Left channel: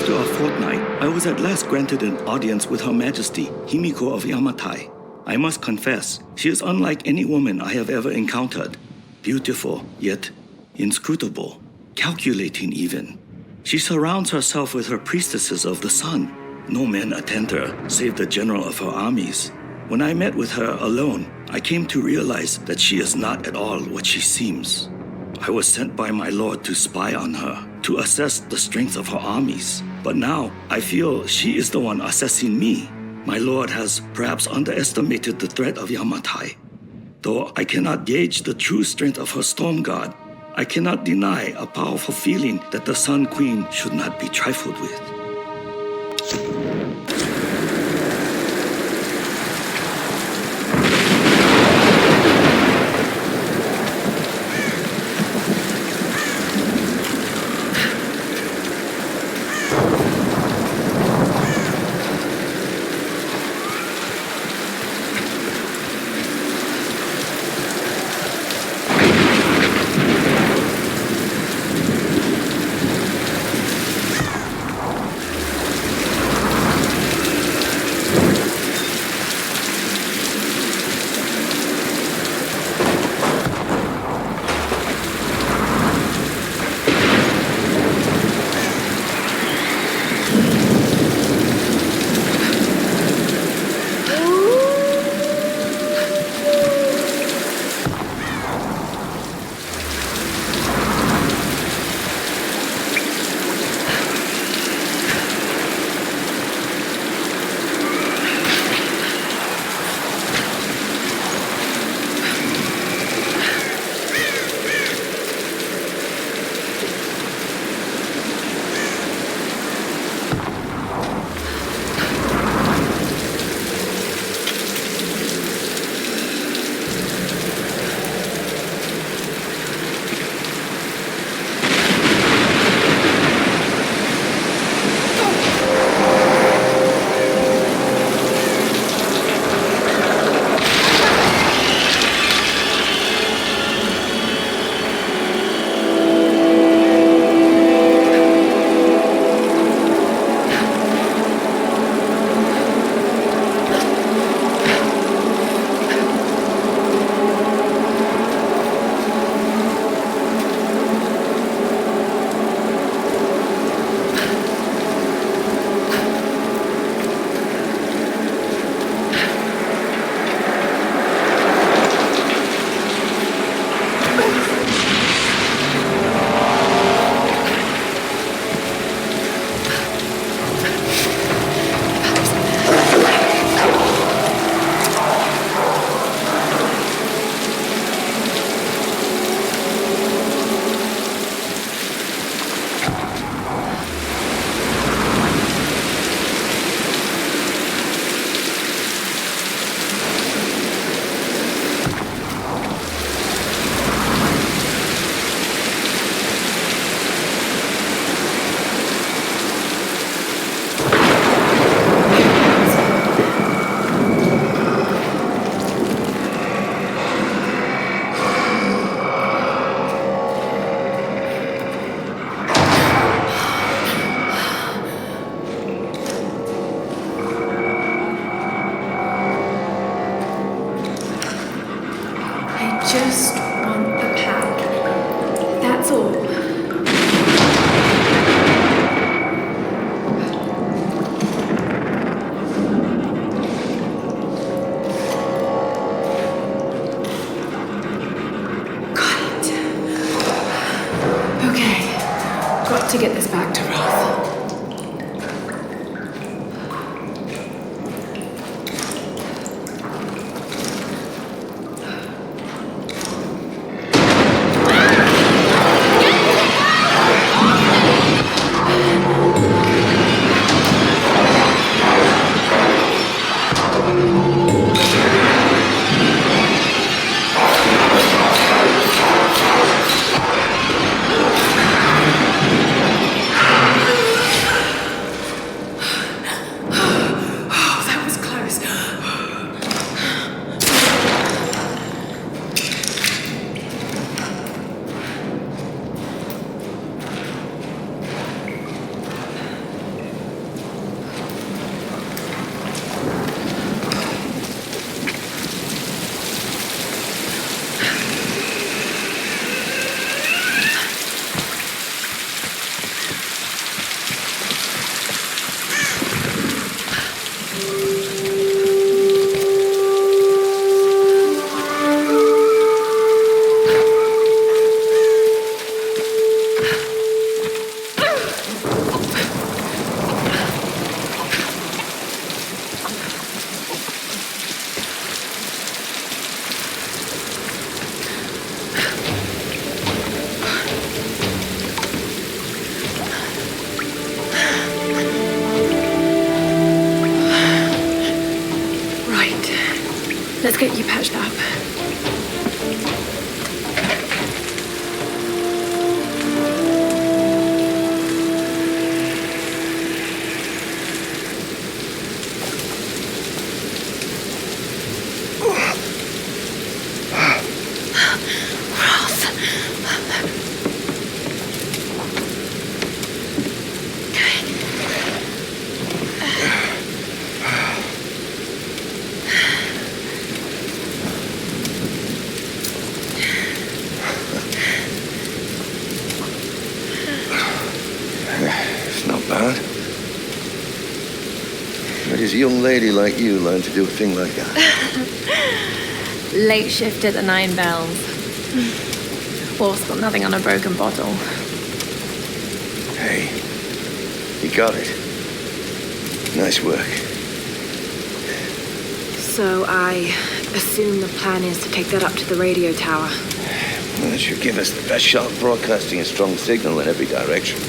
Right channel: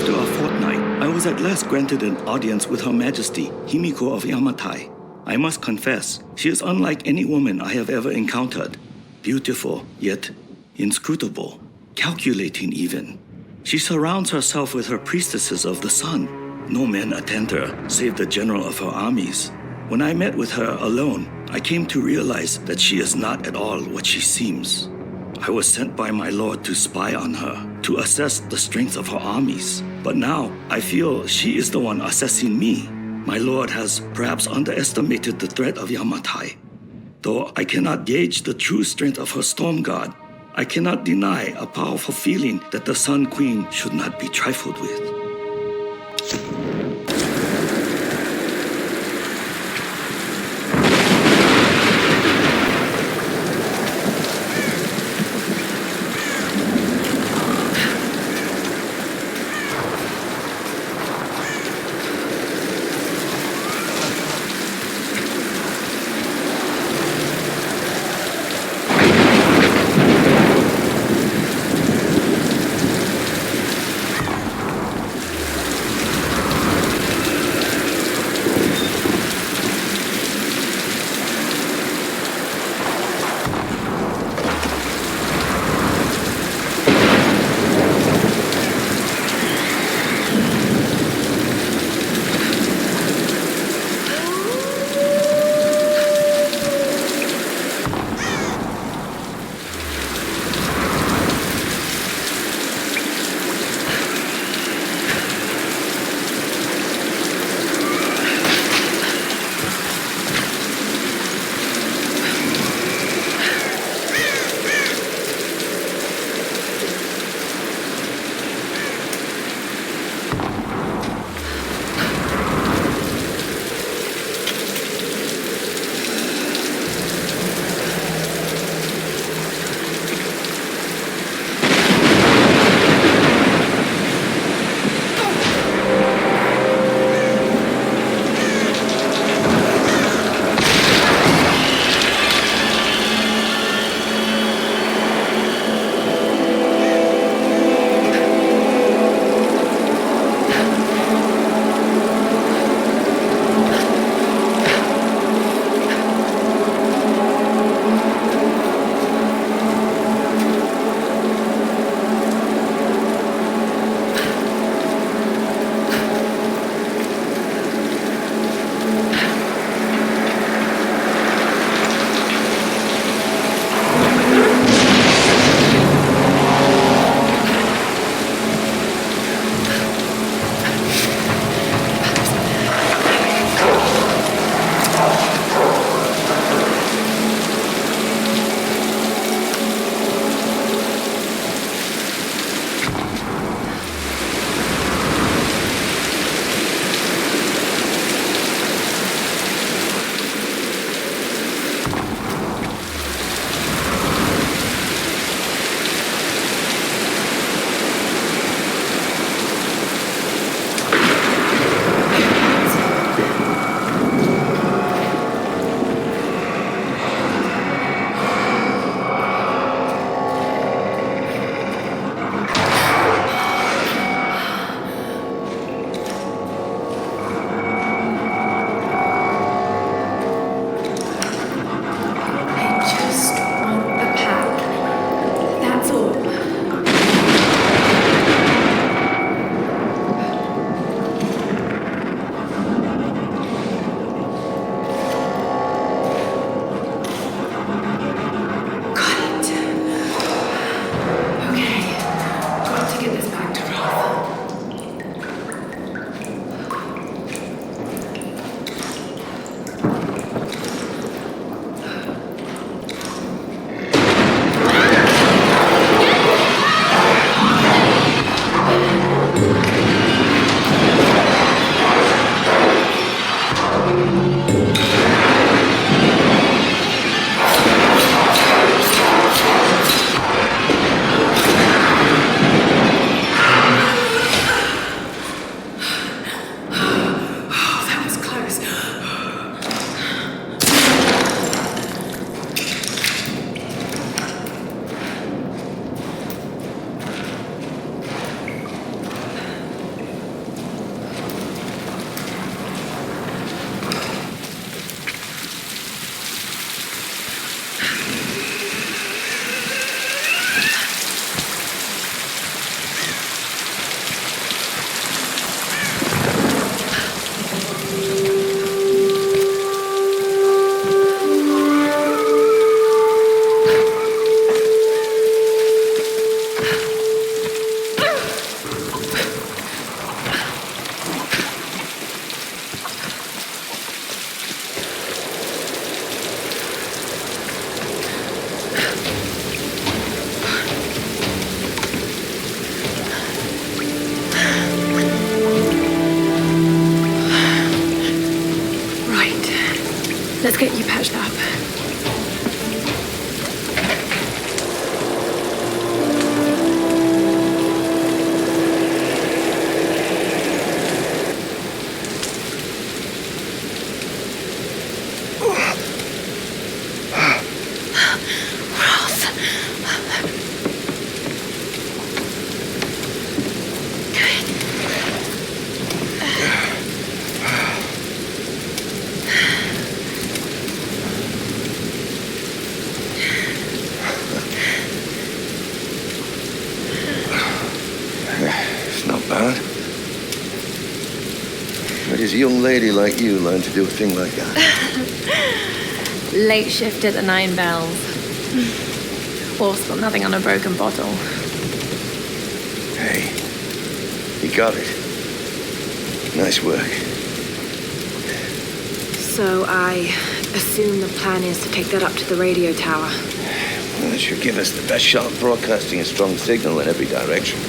After a fortnight, I was at last granted an audience with Her Majesty, Himiko of Yamatai. I must confess, she is unlike any woman I have ever encountered. Beautiful, yet inscrutable, calculating even. She surrounds herself with her priestesses of the sun. No men attend her, save the general of her armies. When I met with her alone, I came to realize that she is not at all what she seems. I was sent by my lord to spy on her, to assess the strength of her armies. But now, I feel she is the one assessing me. My lord has perhaps underestimated the threat of Yamatai. Though I cannot gauge the true strength of her storm god, I cannot deny a powerful feeling that the Sun Queen should not be trifled with. Just want the pack. That's all. Got it. Okay. Got to get this back to Roth. get you patched up. Where does a young lady like you learn to do a thing like that? Late shift at the 9 Bells. Wolf's got nothing on a broken bottle. Hey, you got it. Nice work. So I assume the plan is to take that up to the radio tower. Well, it should give us the best shot at broadcasting a strong signal in every direction.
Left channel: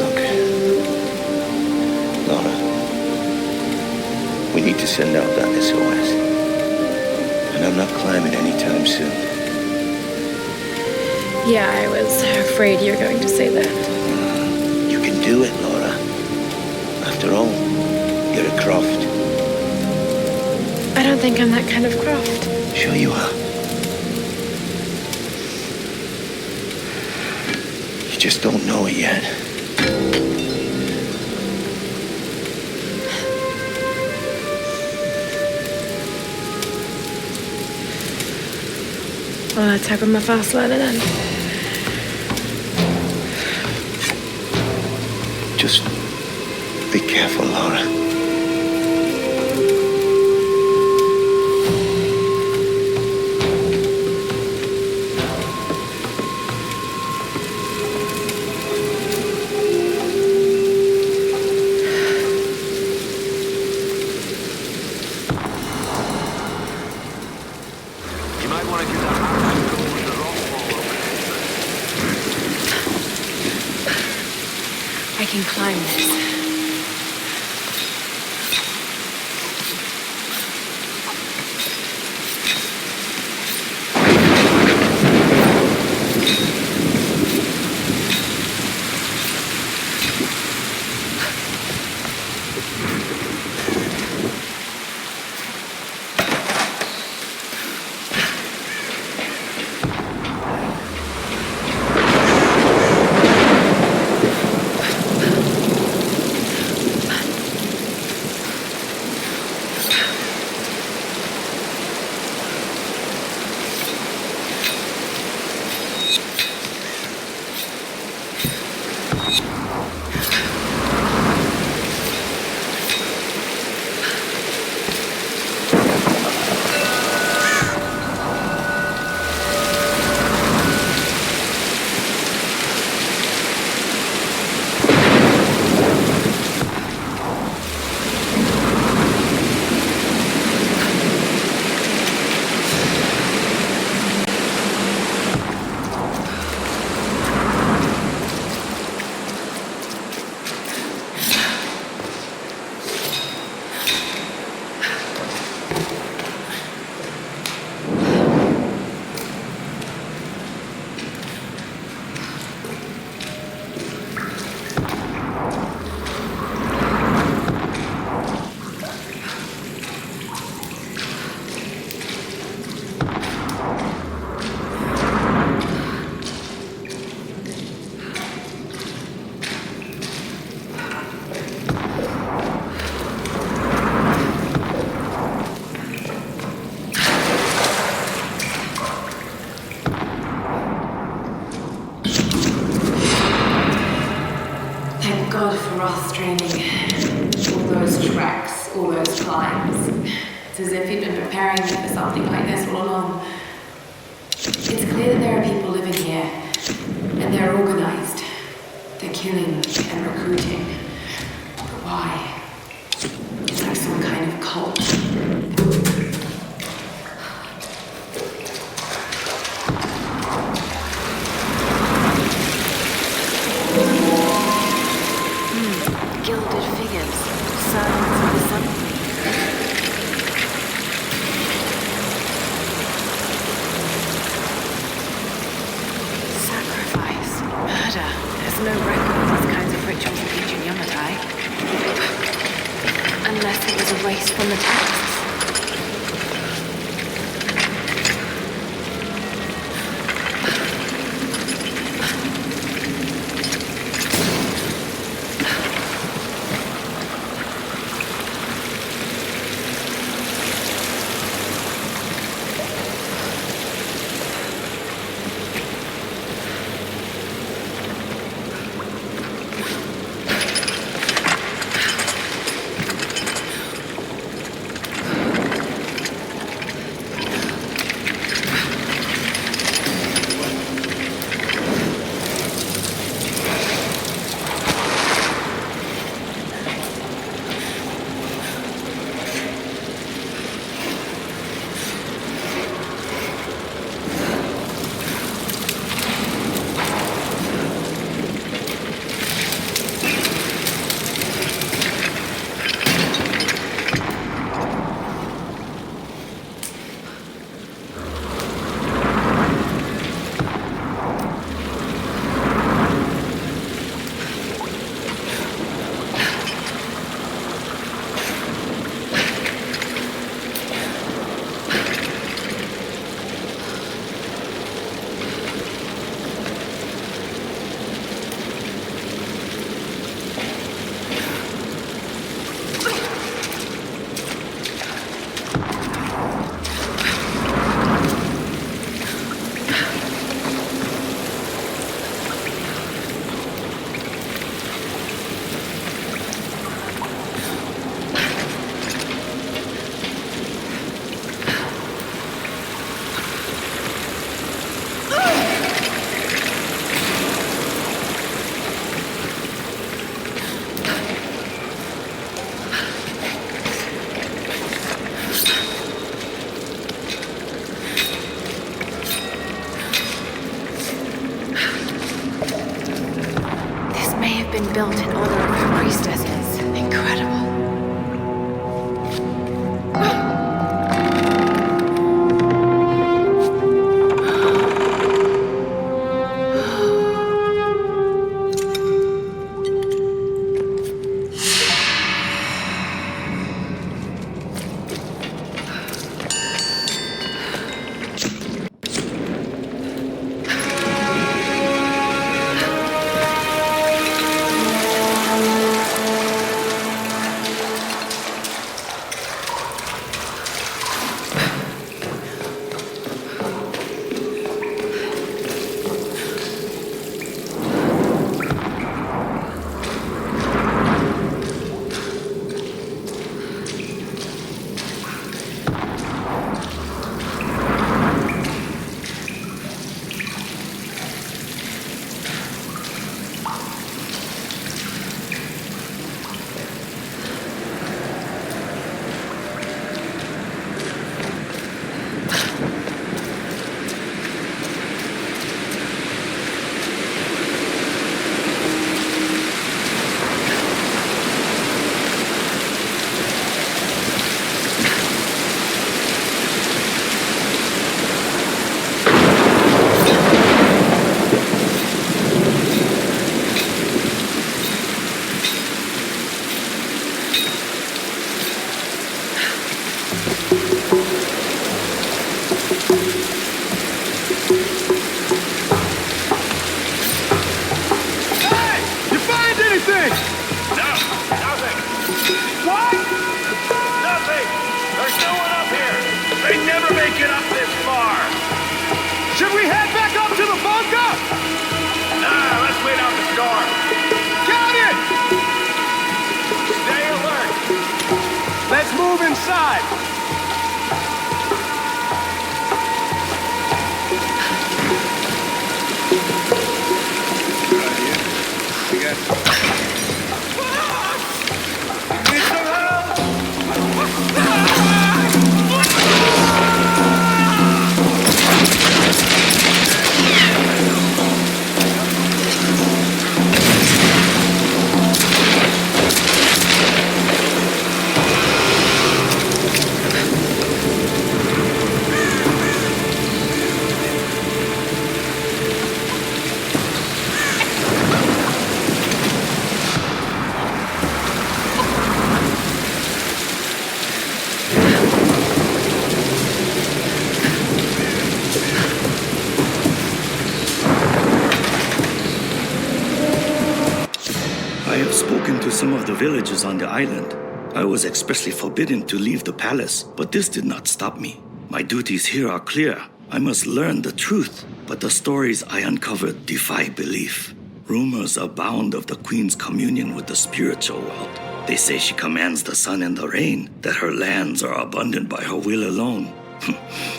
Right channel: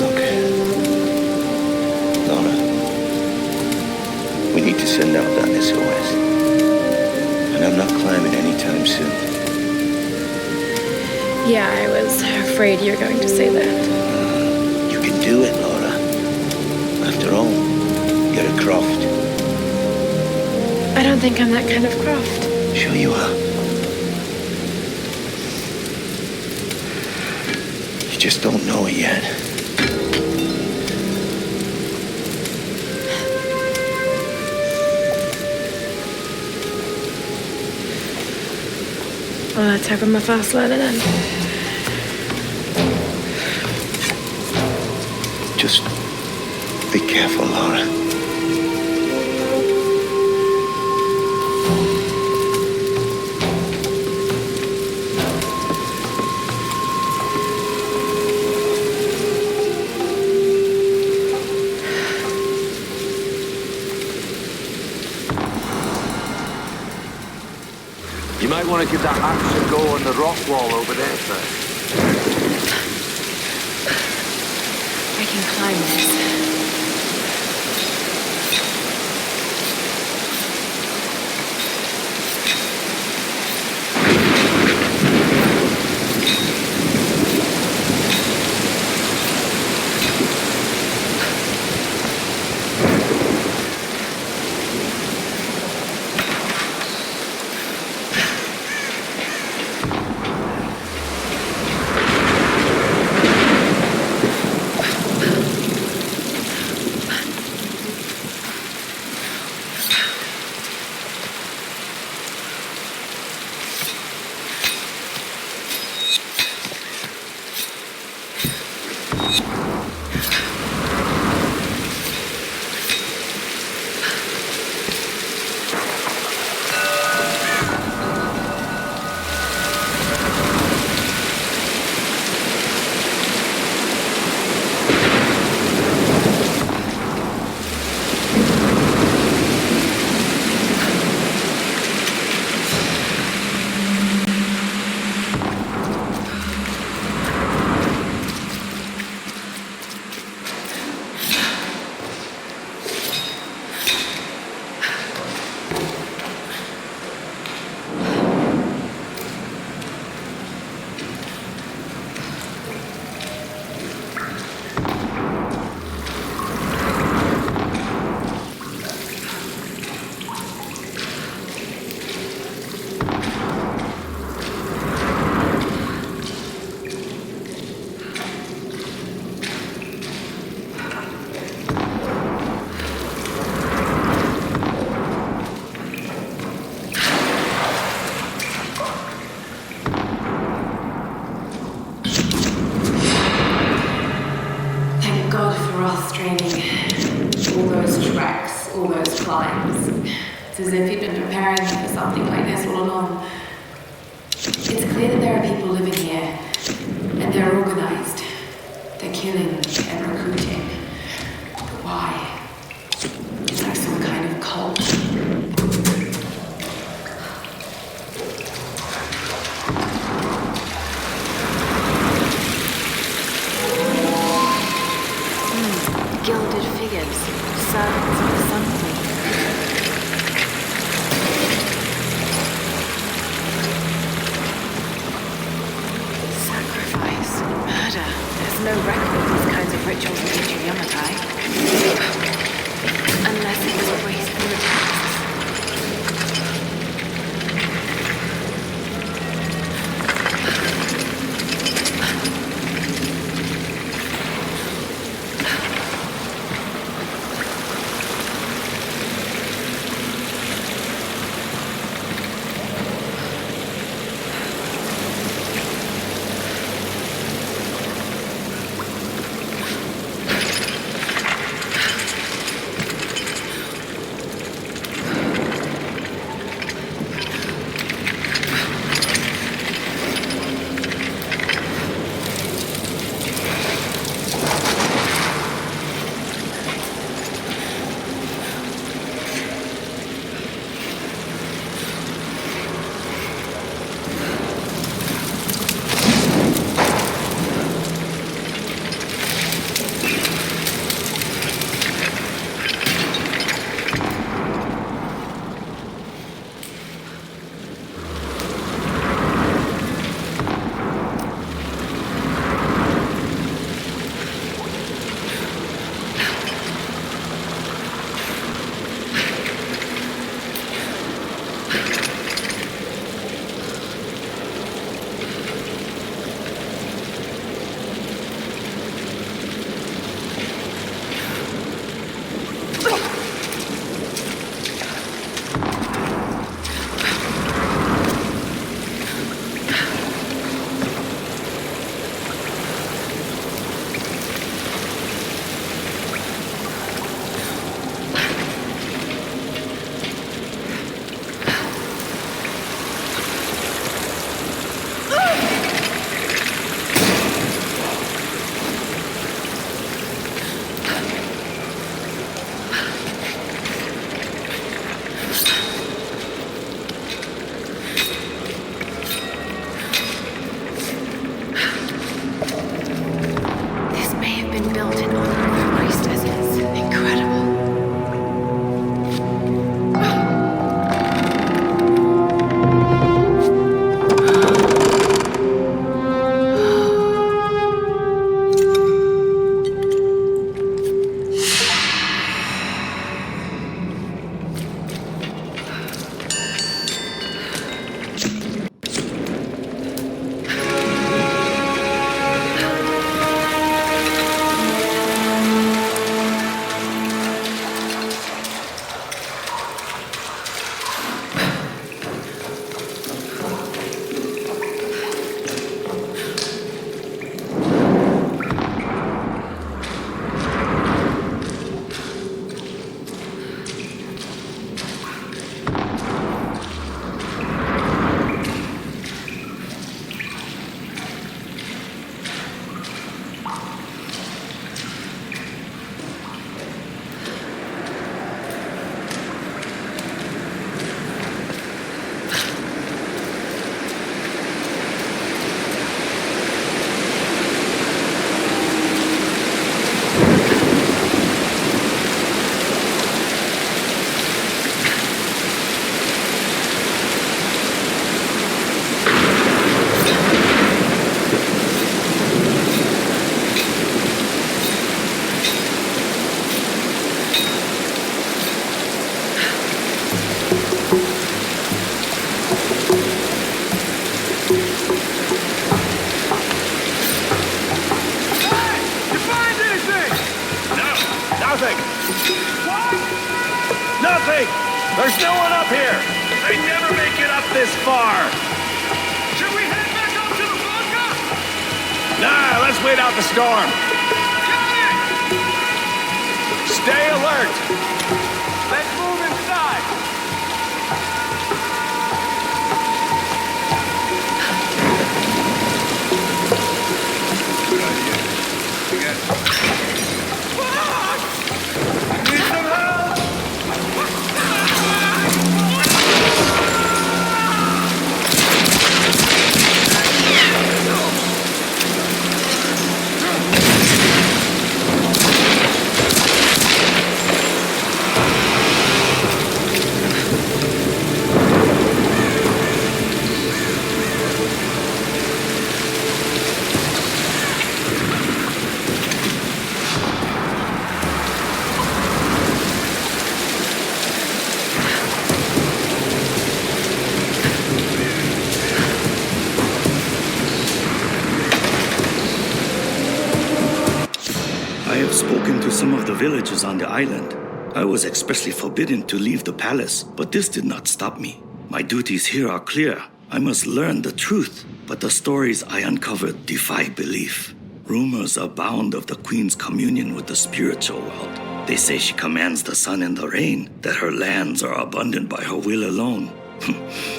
Look, Lara, we need to send out that SOS. And I'm not climbing anytime soon. Yeah, I was afraid you were going to say that. You can do it, Lara. After all, you're a Croft. I don't think I'm that kind of Croft. Sure you are. You just don't know it yet. Well, let's hope I'm a fast learner then. Just be careful, Lara. You might want to give that axe a go on the rock wall over there, sir. I can climb this. Thank God for us training. All those treks, all those climbs. It's as if he'd been preparing me for something like this all along. It's clear that there are people living here, and they're organized. They're killing and recruiting. But why? It's like some kind of cult. Gilded sculpted figures, servants of the Sun Queen. Sacrifice, murder. There's no record of these kinds of rituals in ancient Yamatai. Unless it was erased from the texts. Been built in honor of her priestesses. Incredible. Get up this far. Should we head back up to the bunker? Nah, let's wait out the storm. Got it! Stay alert. Let's move inside. Good idea. You got... Fuck! You need some help? I have spoken to some of the villagers on the island. I was expressly forbidden to leave the palace, but this did not stop me. My duties here are clear. I must learn the truth, but the stories I uncovered defy belief. Rumors abound of the Queen's communion with the spiritual world. They say she commands the sun and the rain, that her lands are abundant by her will alone.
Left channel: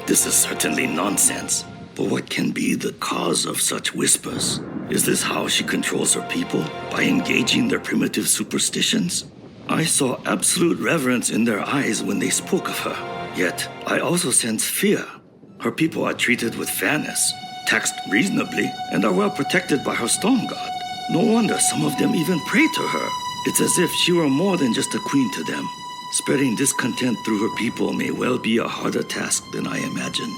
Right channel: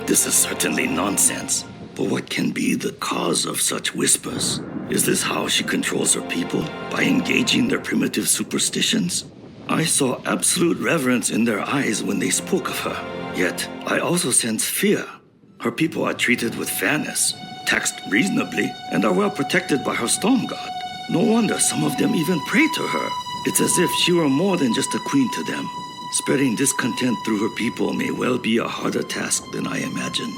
This is certainly nonsense. But what can be the cause of such whispers? Is this how she controls her people? By engaging their primitive superstitions? I saw absolute reverence in their eyes when they spoke of her. Yet, I also sense fear. Her people are treated with fairness, taxed reasonably, and are well protected by her storm god. No wonder some of them even pray to her. It's as if she were more than just a queen to them. Spreading discontent through her people may well be a harder task than I imagined.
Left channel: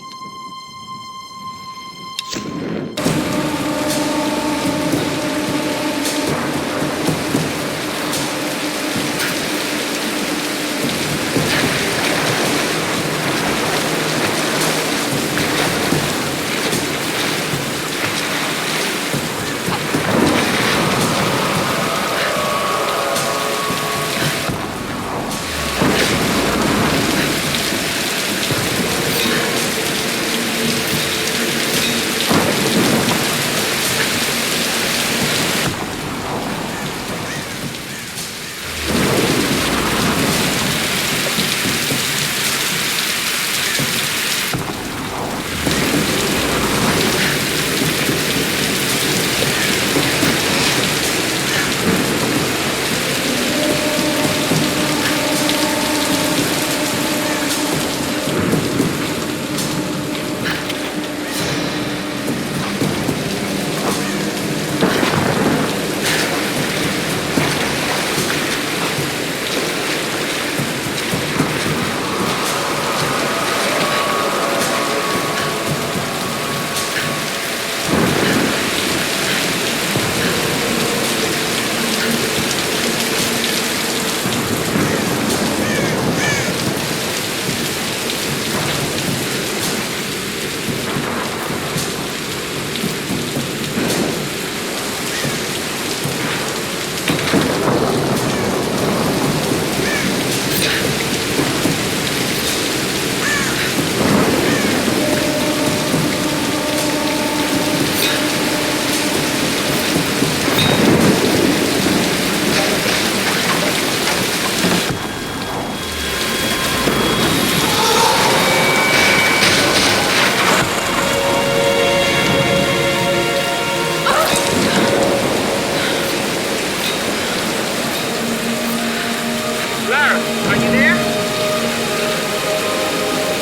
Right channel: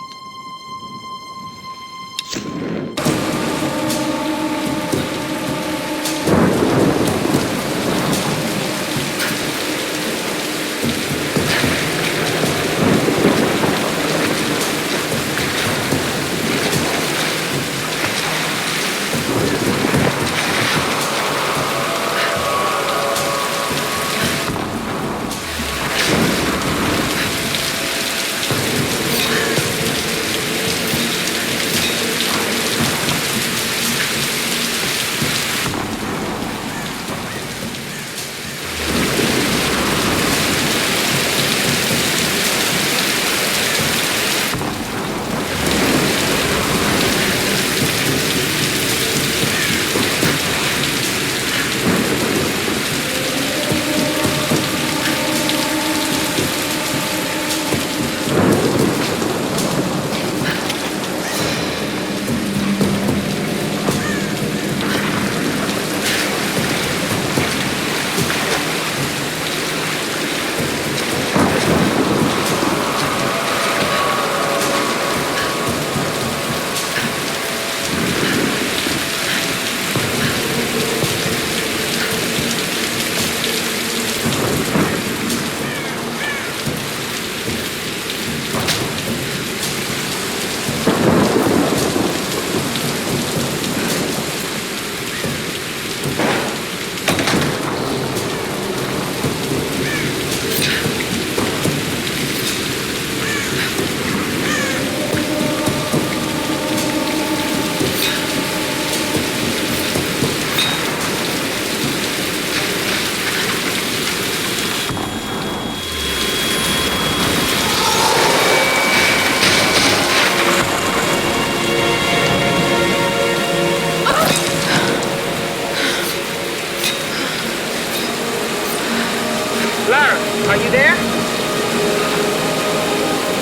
Lara, are you there?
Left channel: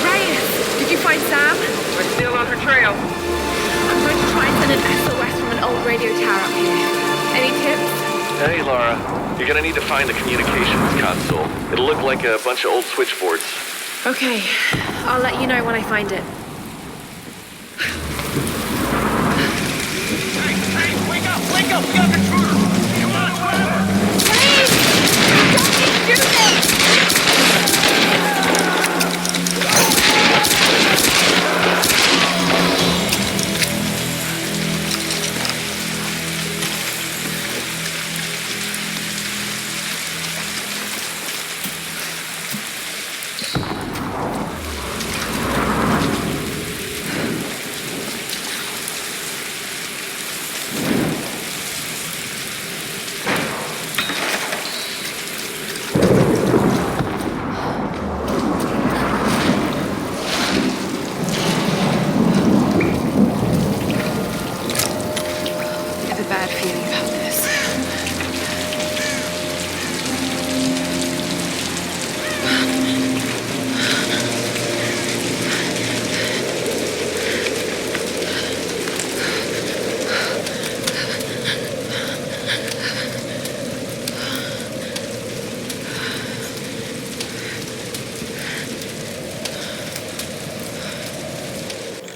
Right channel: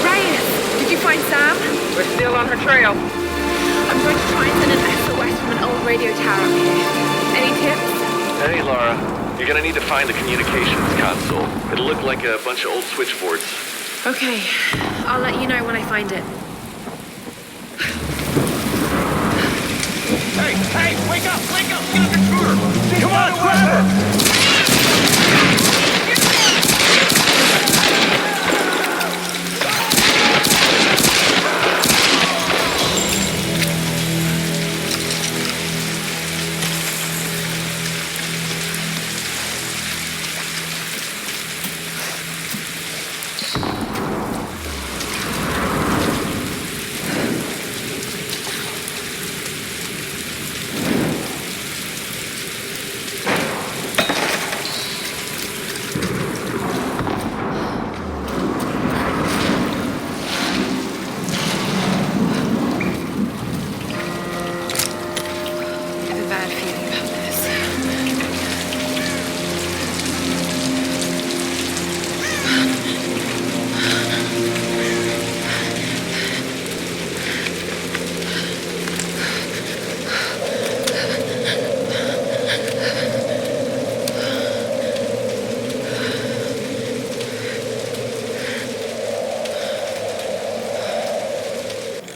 Reyes, did you find Sam? We're still on her trail. I'm going to try and send an SOS from an old radio tower up here. Any tips? Hey, Lara. You're gonna need to find the communications console. It'll look like a bunch of old switchboards. Okay, I'll let you know when I find it. Hey, wake up! We got an intruder! Come on, grab her! Bad feeling about this.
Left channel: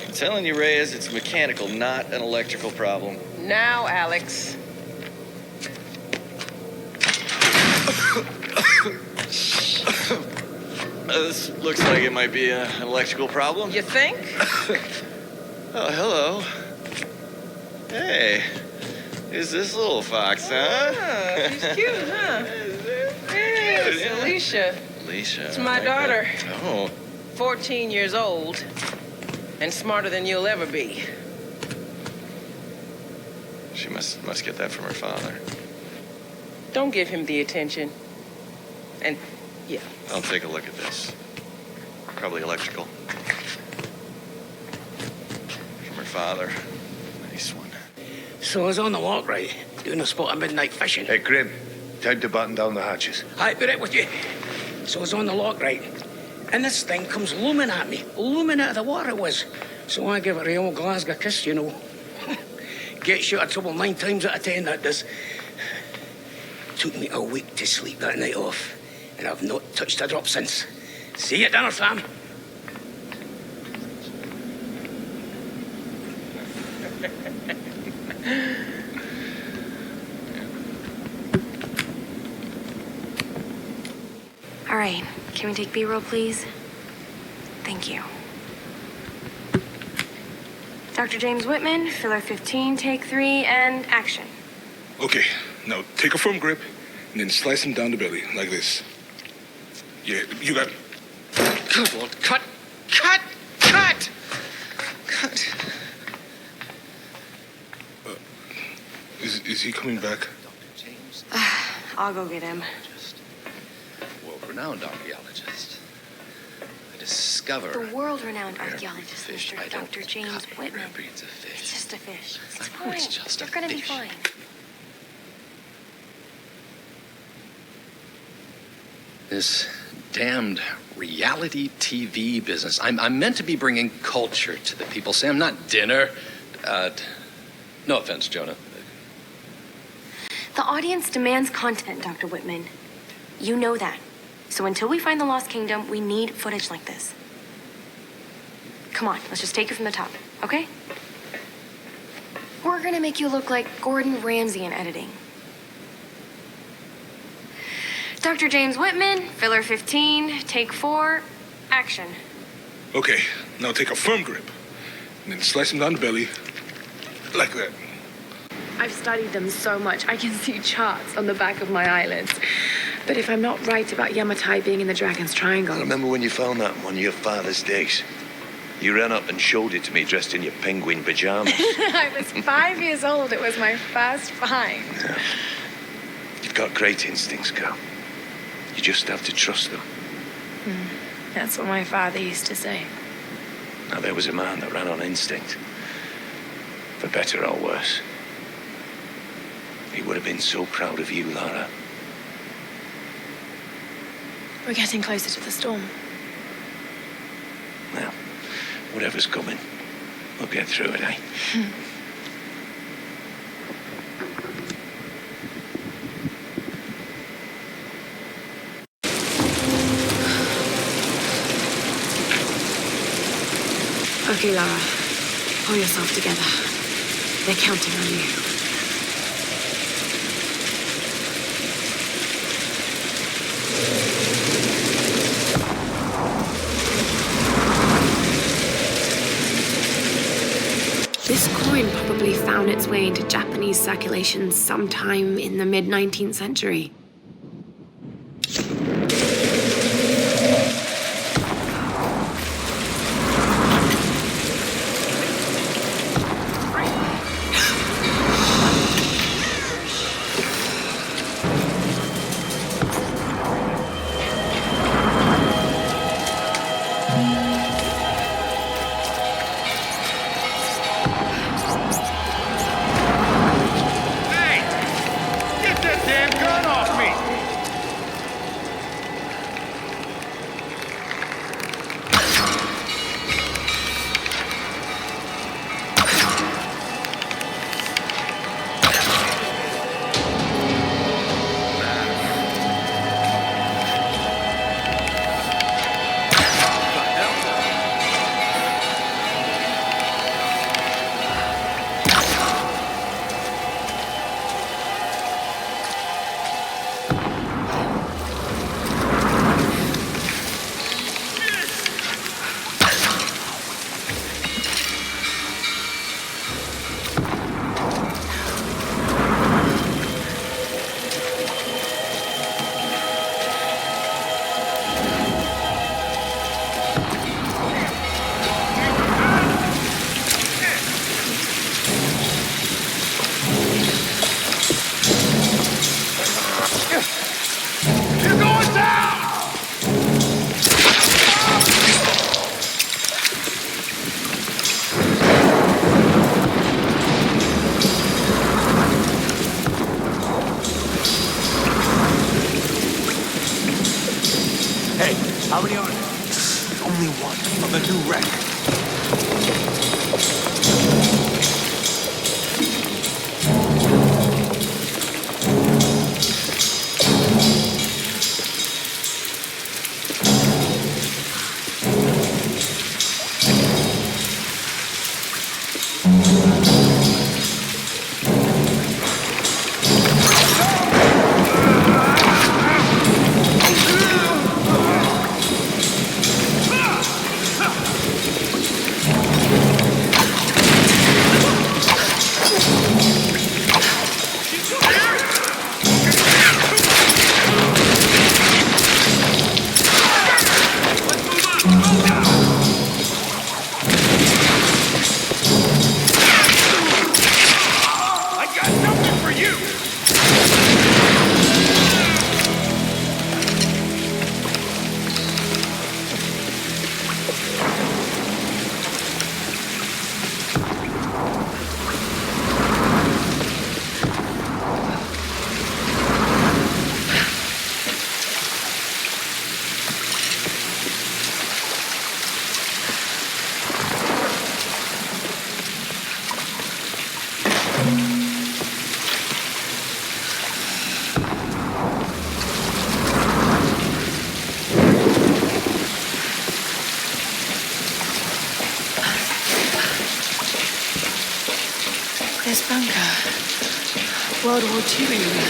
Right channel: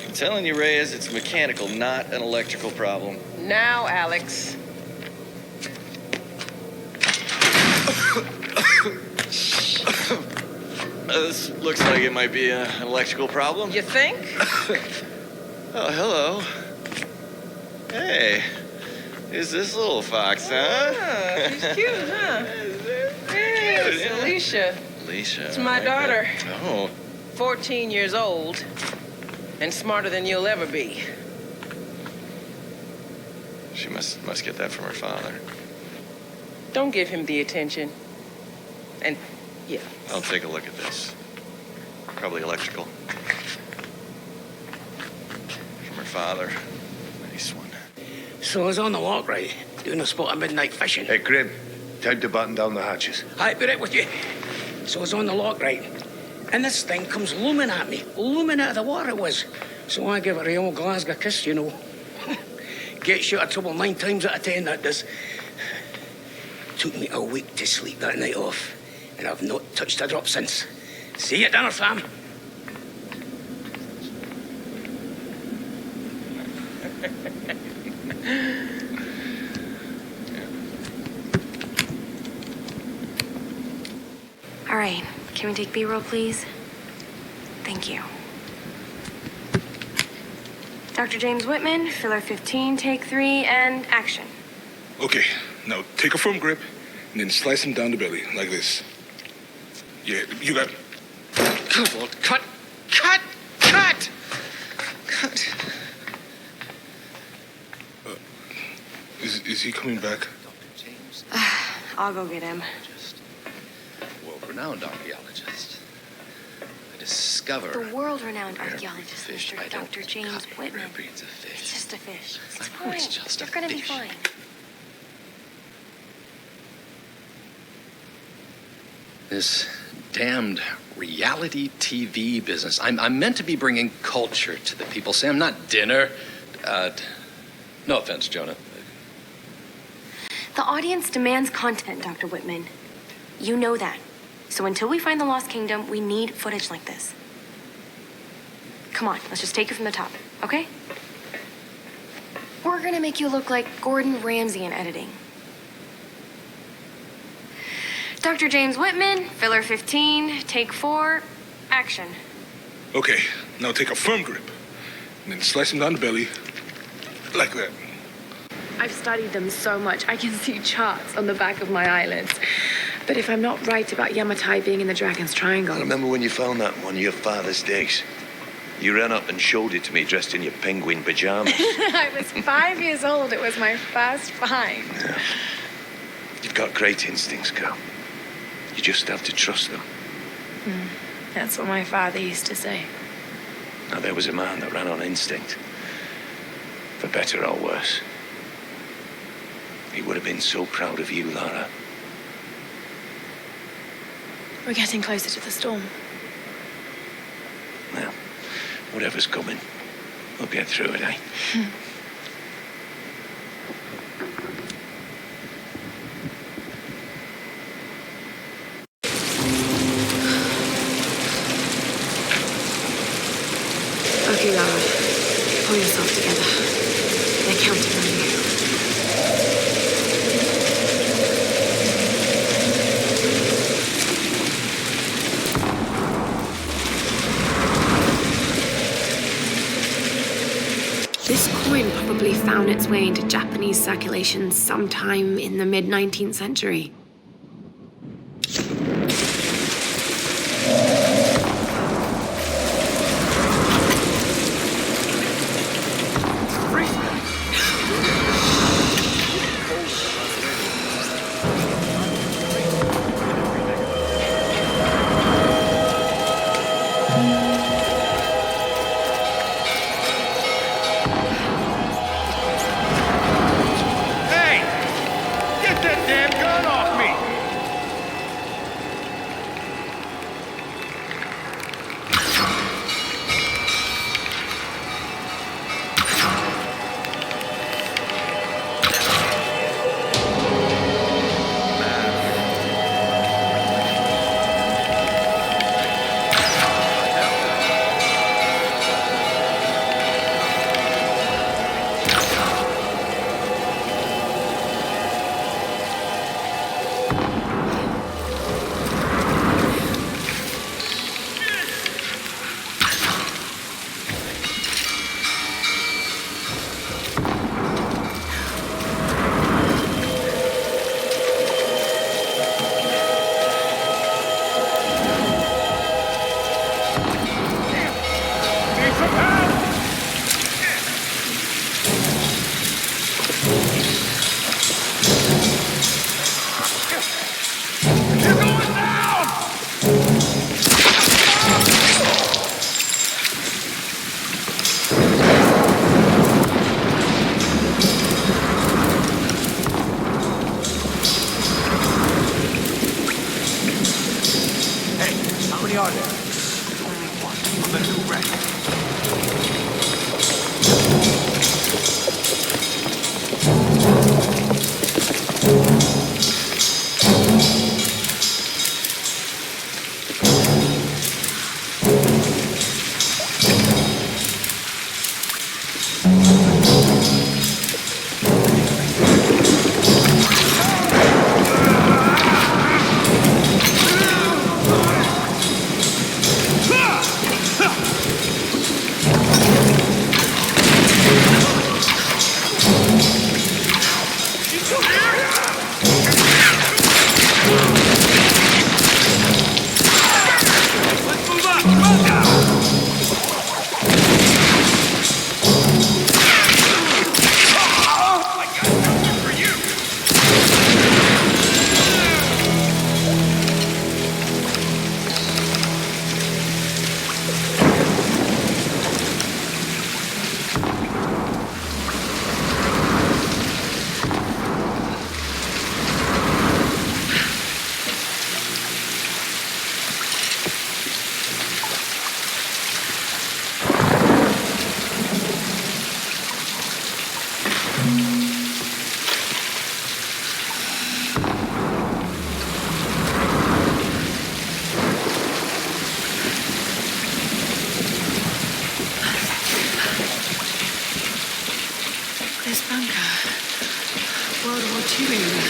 I'm telling you, Reyes, it's mechanical, not an electrical problem. Now, Alex. This looks like it might be an electrical problem. You think? Oh, hello. Hey, Is this little fox, huh? Oh, she's cute, huh? Yes, Alicia. Alicia. It's my daughter. Oh. 14 years old and smarter than you'll ever be. She must get that from her father. Don't give him the attention. And, yeah. I'll take a look at this. Probably electrical. From her father. Nice one. So I was on the lock, right? Doing a spot of midnight fishing. Hey, Grim, time to button down the hatches. I'll be right with you. So I was on the lock, right? And this thing comes looming at me. Looming out of the water it was. So I give it a old Glasgow kiss, you know. Gets you out of trouble 9 times out of 10, that does. Took me a week to sleep that night off. And I've not touched a drop since. See you at dinner, fam. All right, can we take B-roll, please? Thank you. Dr. James Whitman, filler 15, take 3, and action. Okay, now take a firm grip and then slice him down the belly, like this. Yeah, you got it. Good Lord, cut! Cut! Cut! Cut! Is he coming back? I'll go get him. World-renowned archaeologist. I discover... The world-renowned archaeologist, fish. Mr. Dr. James Whitman. Breeds of fish. It's just a fish. It's I know fine. it's just a You're gonna be fish. fine. This damned reality TV business. I'm meant to be bringing culture to the people, Sam, not dinner. No offense, Jonah. The audience demands content, Dr. Whitman. You know that. So until we find the Lost Kingdom, we need footage like this. Come on, let's just take it from the top, okay? We're gonna make you look like Gordon Ramsay in editing. Dr. James Whitman, filler 15, take 4, action. Okay, now take a firm grip and then slice him down the belly, like that. I've studied them so much, I can see charts on the back of my eyelids. But if I'm not right about Yamatai being in the Dragon's Triangle... I remember when you found that one of your father's digs. You ran up and showed it to me dressed in your penguin pajamas. I was 5 years old. It was my first find. Yeah. You've got great instincts, girl. You just have to trust them. That's what my father used to say. Now, there was a man that ran on instinct. For better or worse. He would have been so proud of you, Lara. We're getting closer to the storm. Well, whatever's coming, we'll get through it, eh? Okay, Lara. Pull yourself together. They're counting on you. This coin probably found its way into Japanese circulation sometime in the mid-19th century. Hey! Get that damn gun off me! This bunker. World War II era.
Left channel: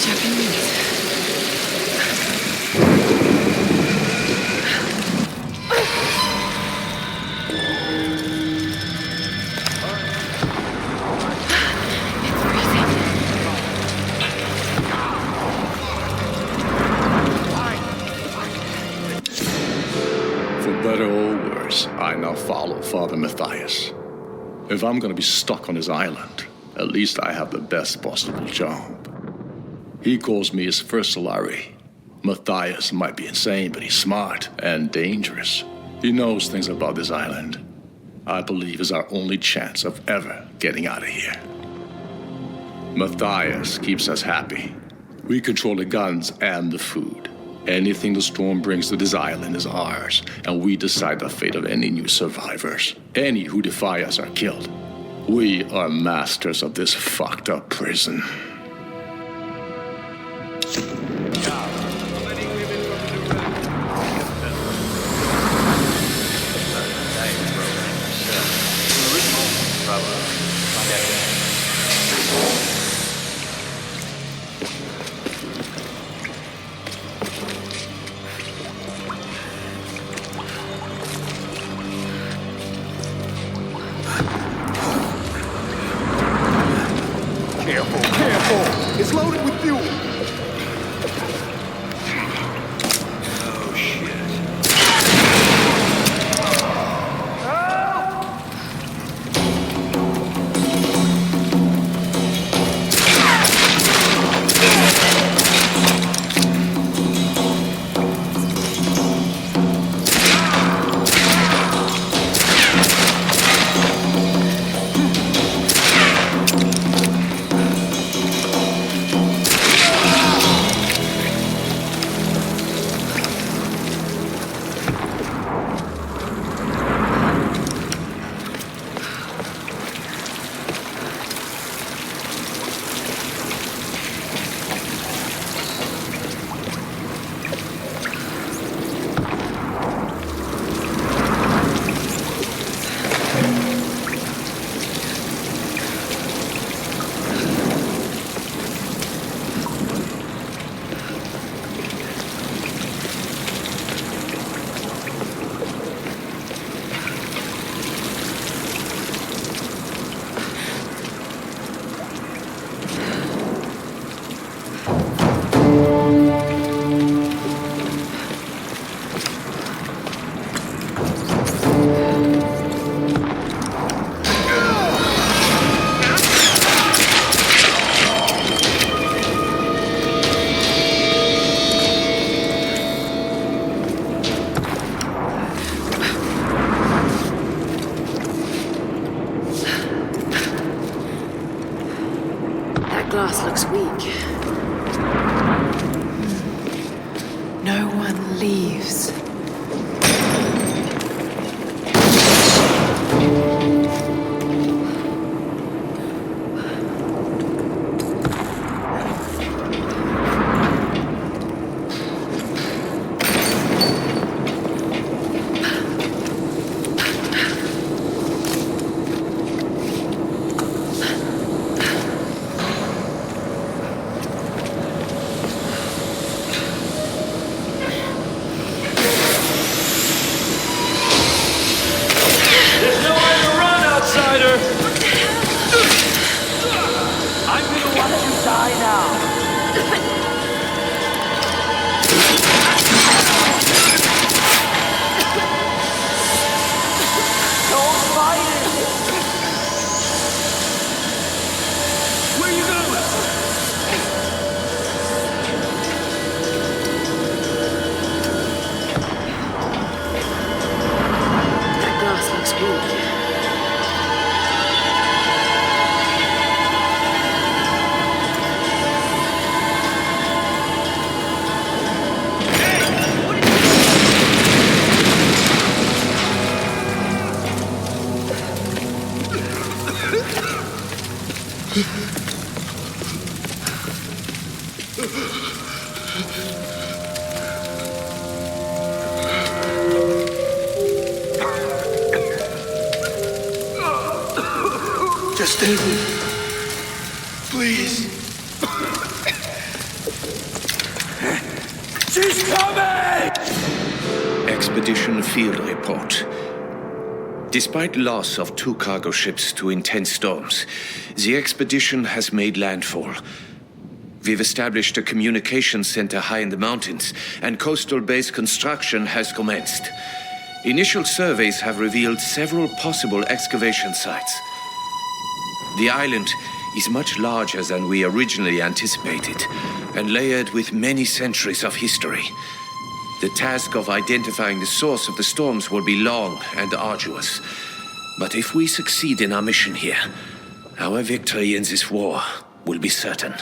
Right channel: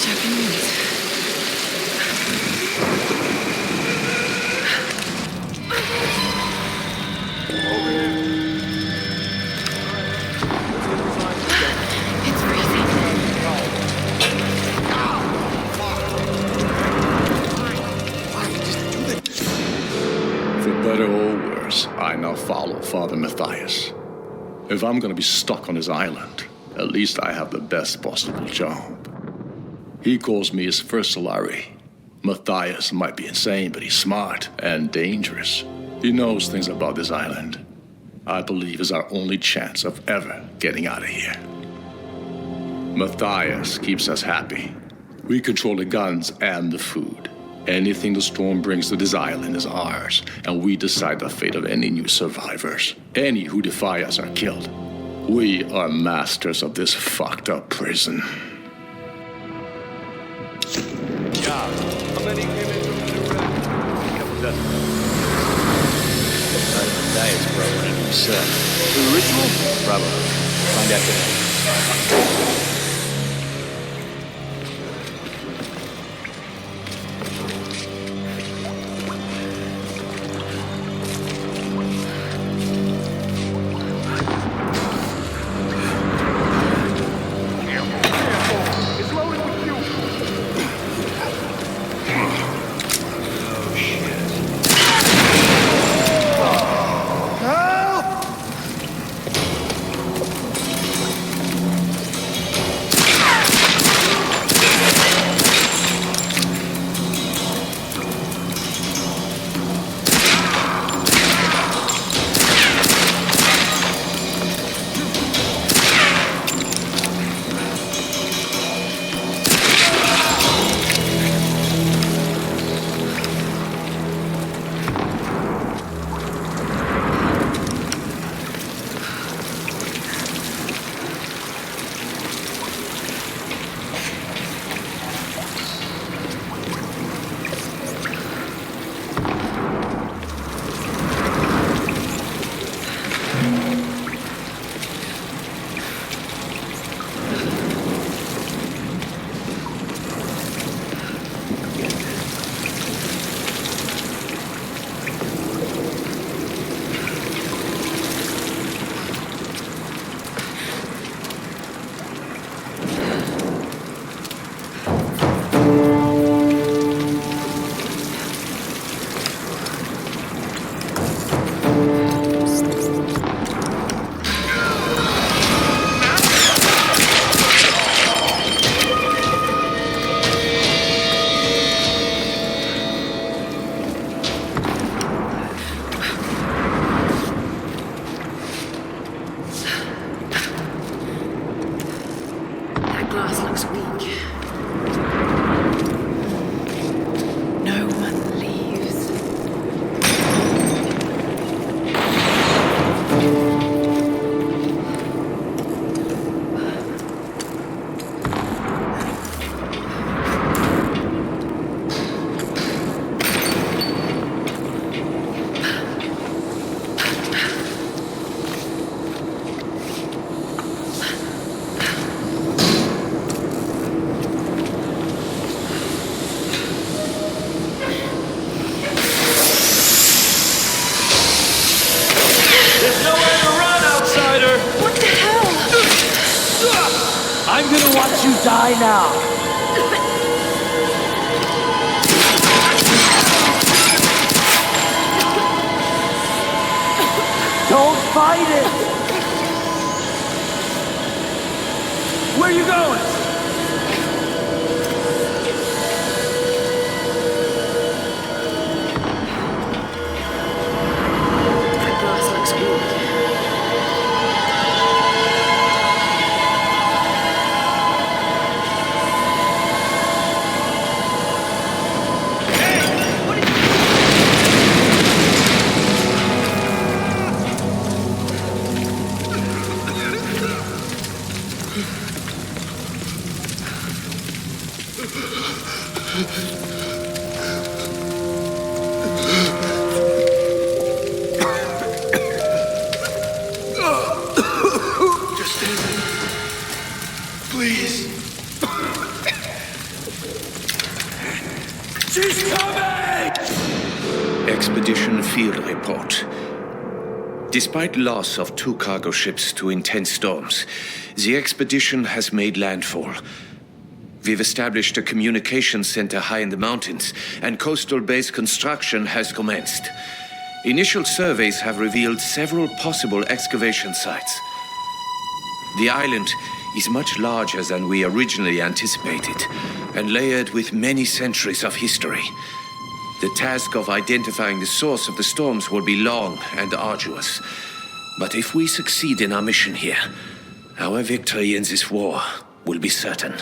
Japanese. It's freezing. For better or worse, I now follow Father Matthias. If I'm gonna be stuck on his island, at least I have the best possible job. He calls me his first Solari. Matthias might be insane, but he's smart and dangerous. He knows things about this island. I believe is our only chance of ever getting out of here. Matthias keeps us happy. We control the guns and the food. Anything the storm brings to this island is ours, and we decide the fate of any new survivors. Any who defy us are killed. We are masters of this fucked up prison. How many came in from the new rack? A couple dozen. Glass looks weak. No one leaves. Outsider! What the hell? I'm gonna watch you die now. Don't fight it! Where are you going? That glass looks weak. Just stay with me. Please. She's coming! Expedition Field Report. Despite loss of 2 cargo ships to intense storms, the expedition has made landfall. We've established a communications center high in the mountains, and coastal base construction has commenced. Initial surveys have revealed several possible excavation sites. The island is much larger than we originally anticipated, and layered with many centuries of history. The task of identifying the source of the storms will be long and arduous. But if we succeed in our mission here, our victory in this war will be certain.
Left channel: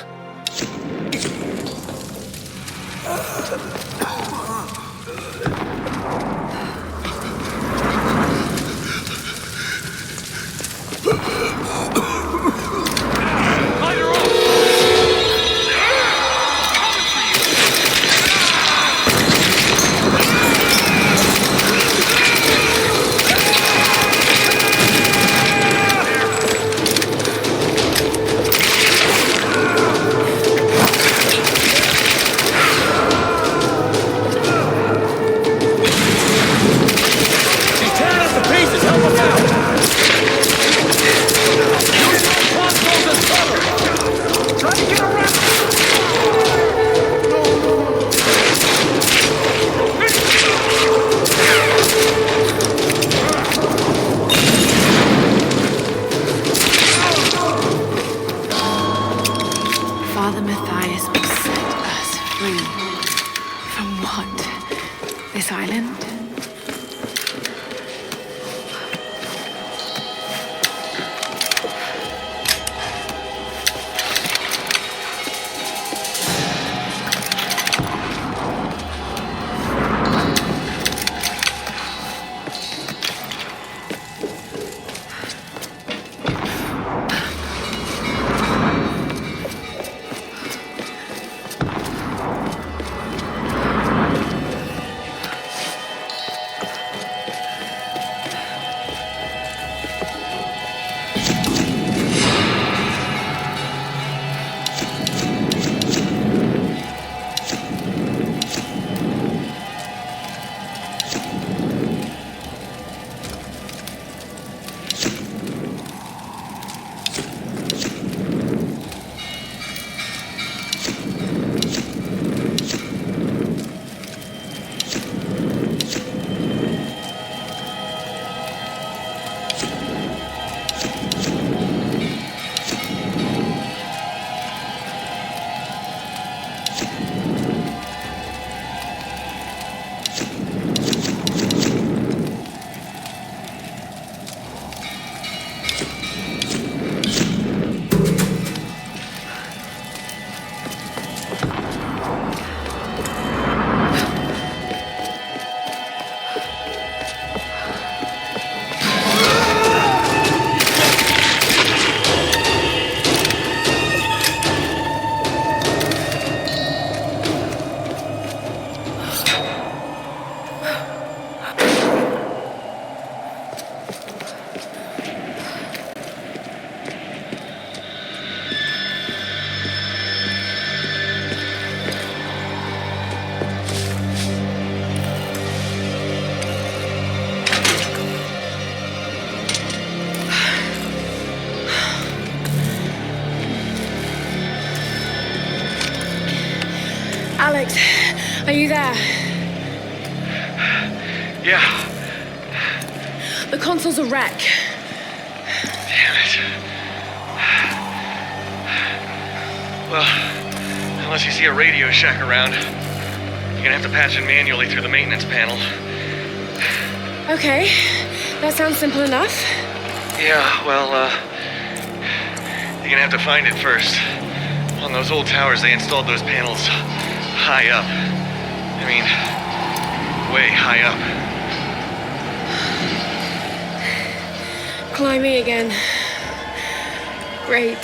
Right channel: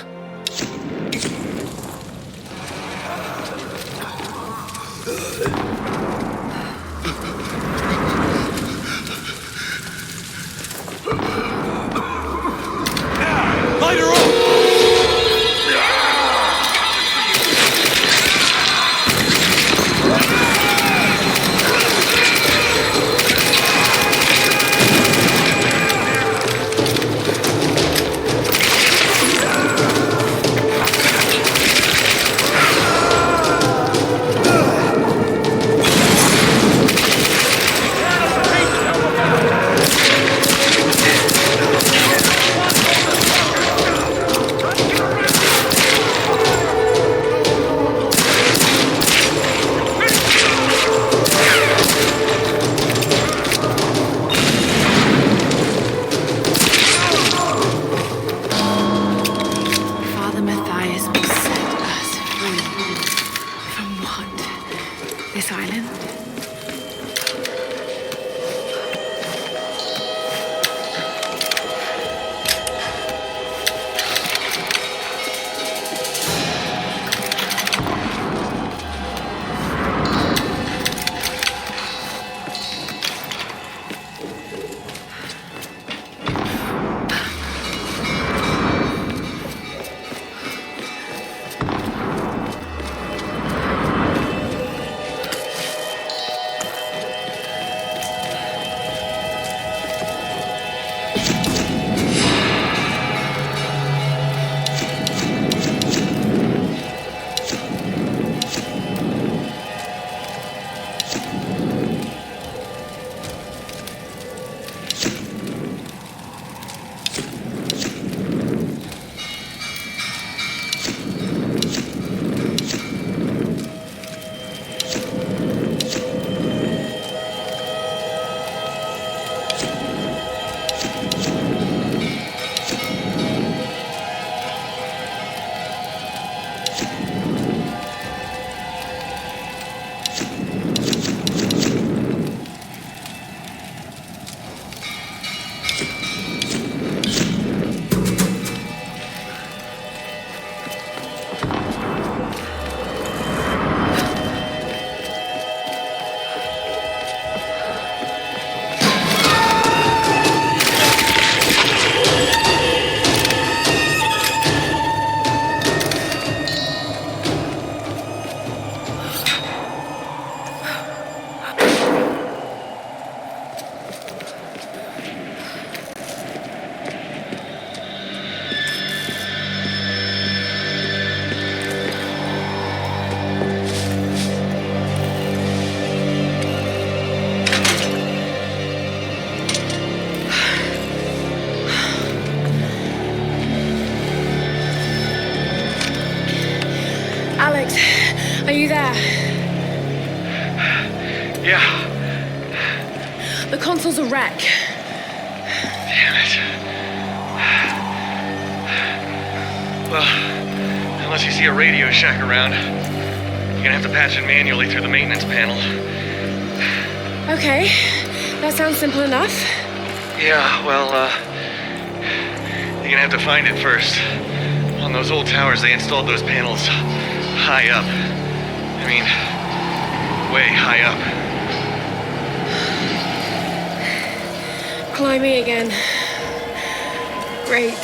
Father Matthias will set us free. From what? This island? Alex, are you there? Yeah. The console's a wreck. Damn it. Well, unless you see a Radio Shack around, you're gonna have to patch it manually through the maintenance panel. Okay, that sounds simple enough. Yeah, well, you're gonna have to find it first. On those old towers, they installed those panels high up. I mean, way high up. Climbing again. Great.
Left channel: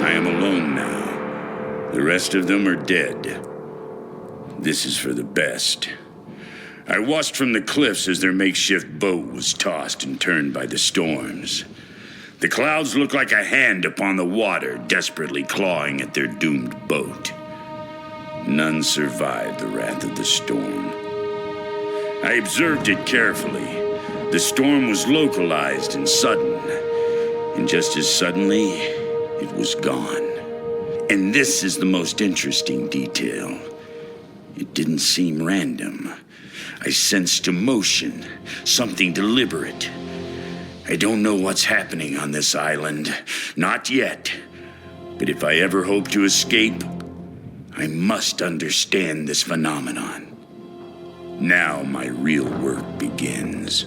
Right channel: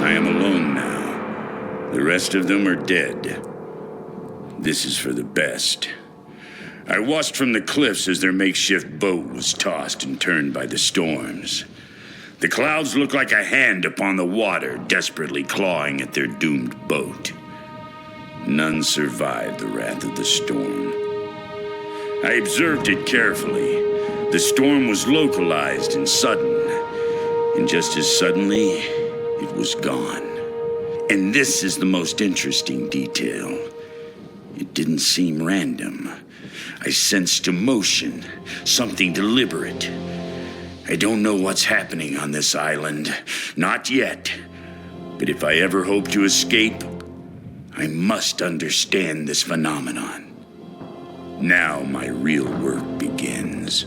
I am alone now. The rest of them are dead. This is for the best. I watched from the cliffs as their makeshift boat was tossed and turned by the storms. The clouds looked like a hand upon the water, desperately clawing at their doomed boat. None survived the wrath of the storm. I observed it carefully. The storm was localized and sudden, and just as suddenly, it was gone. And this is the most interesting detail. It didn't seem random. I sensed emotion, something deliberate. I don't know what's happening on this island, not yet. But if I ever hope to escape, I must understand this phenomenon. Now my real work begins.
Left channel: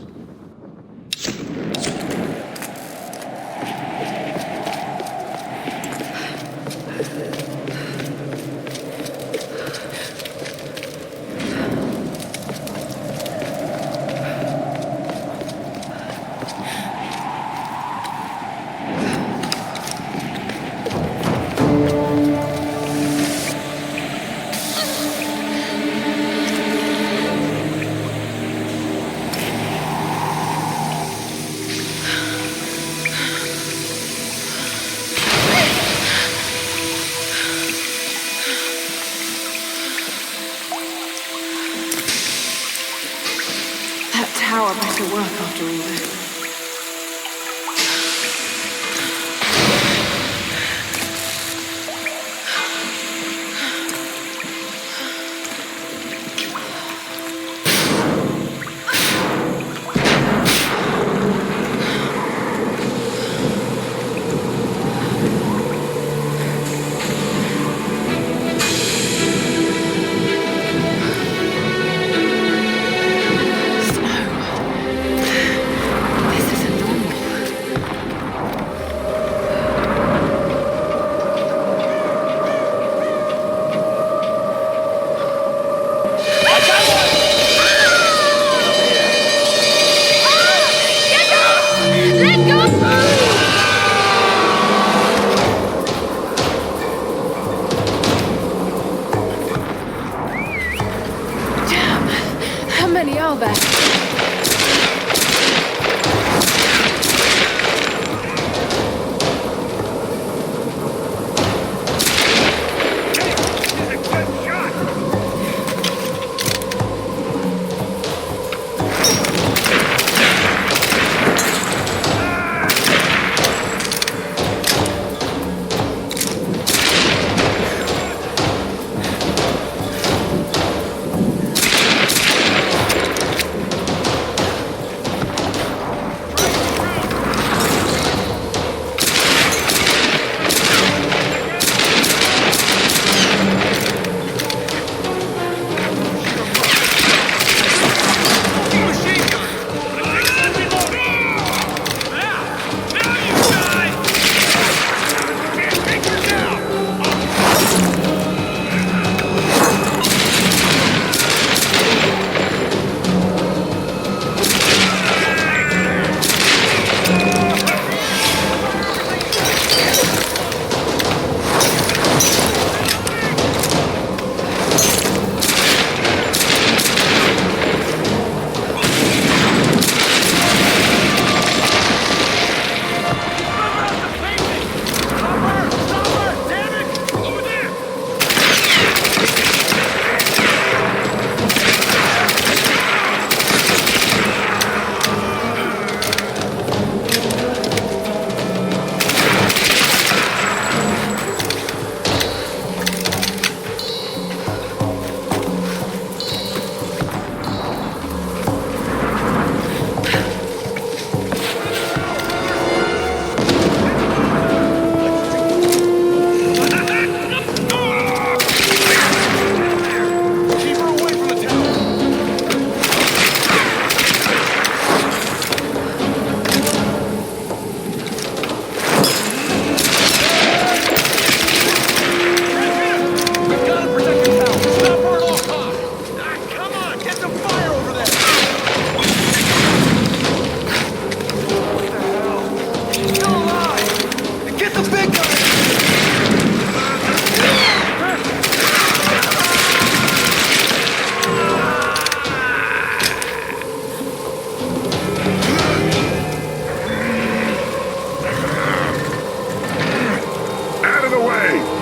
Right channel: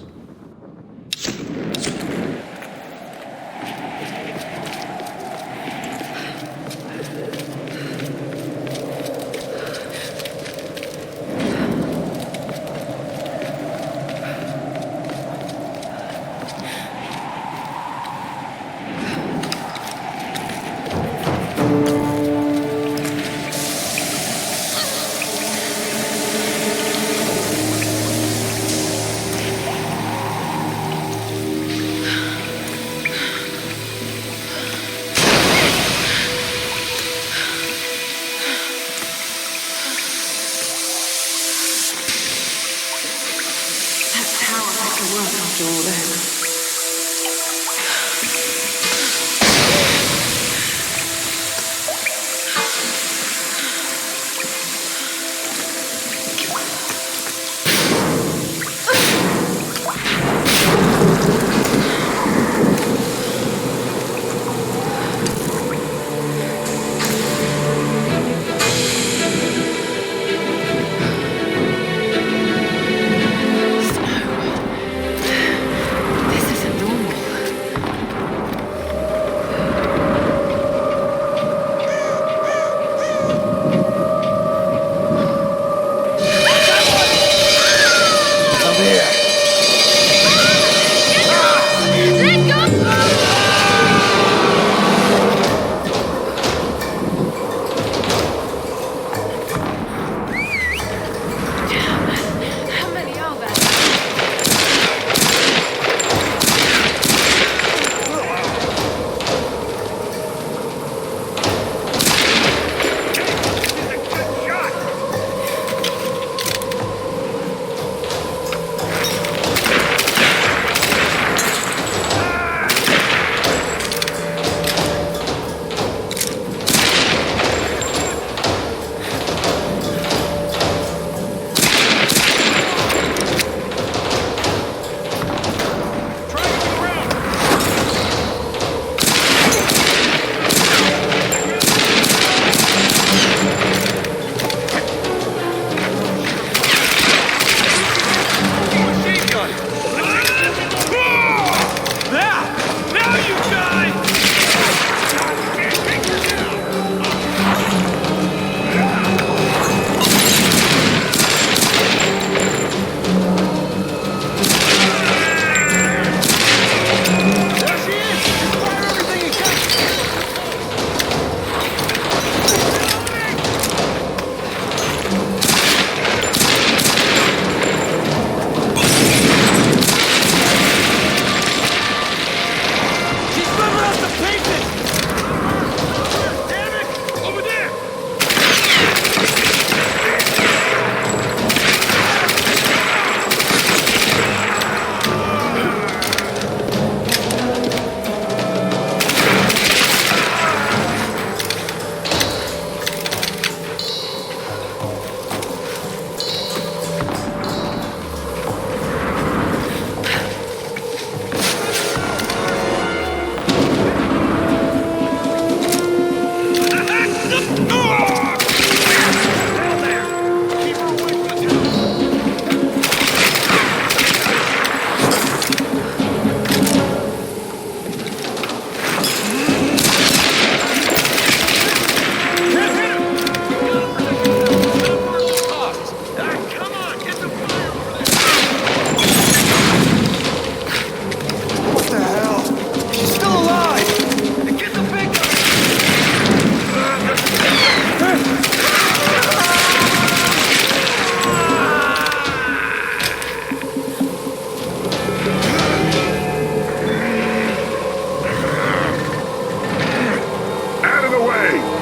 Tower better work after all this.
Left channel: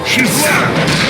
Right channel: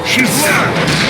She's low!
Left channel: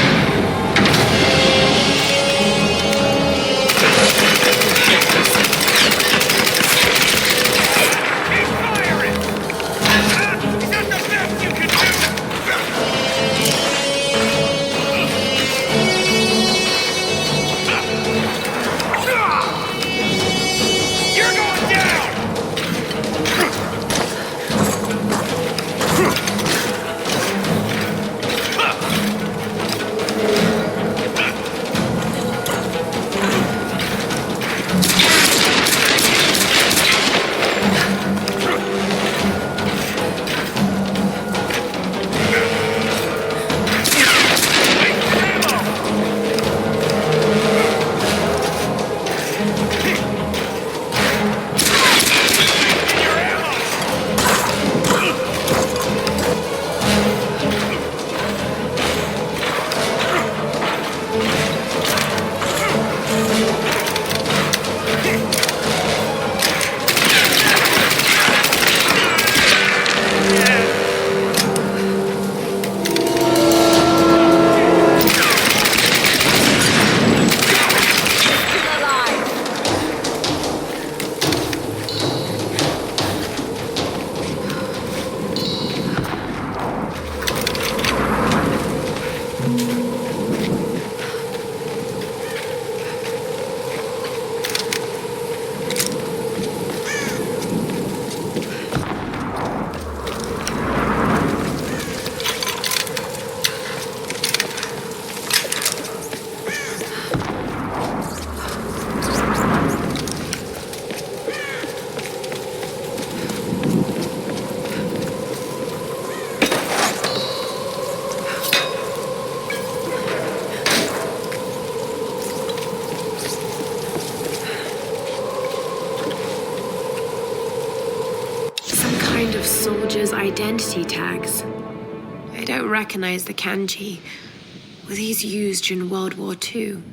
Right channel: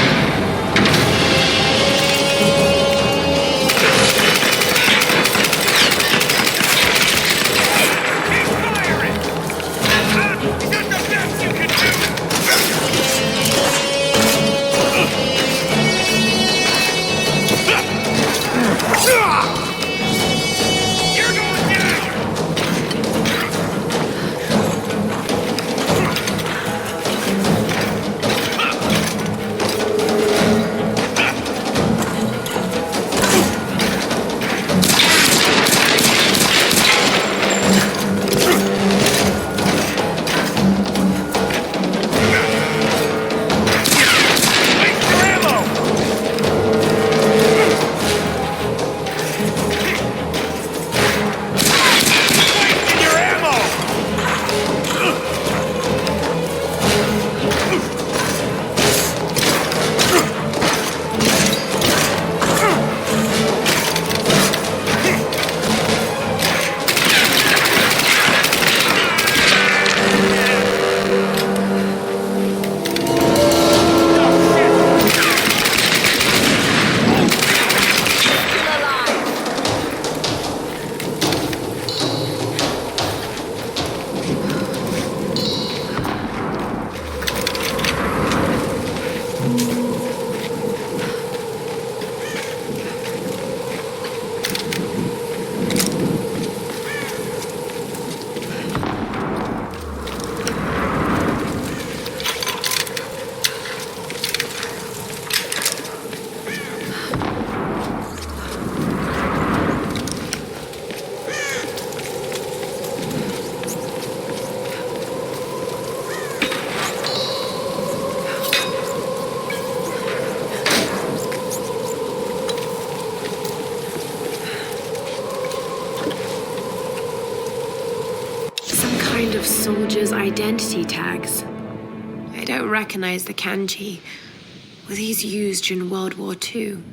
Of soldiers' identity tags. I don't recognize the kanji. Were these used during World War II?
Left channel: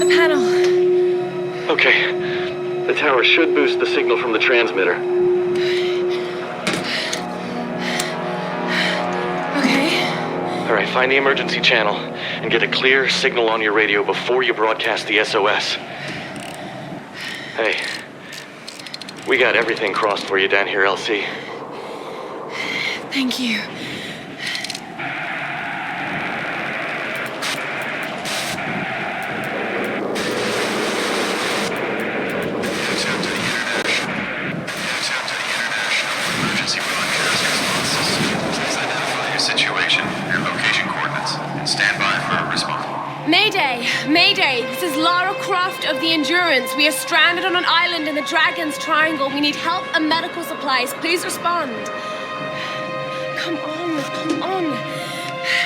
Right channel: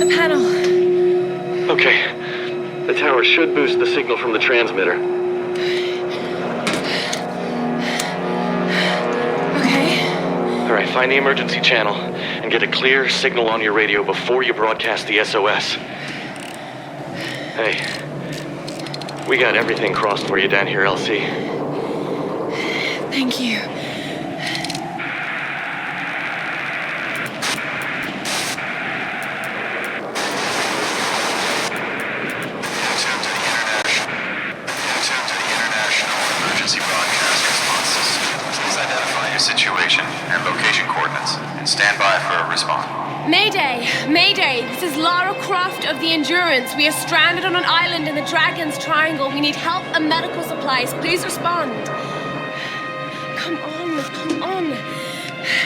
at the panel. Okay. The tower should boost the signal from the transmitter. Okay. All right, find the emergency channel and get a clear signal on your radio before you broadcast the SOS. Hey, we got everything crossed for you down here, LC. Thank you. Situation and location coordinates, and stand by for a response. Mayday! Mayday! This is Lara Croft of the Endurance. We are stranded on an island in the Dragon's Triangle. We need help and medical supplies. Please respond. Come on.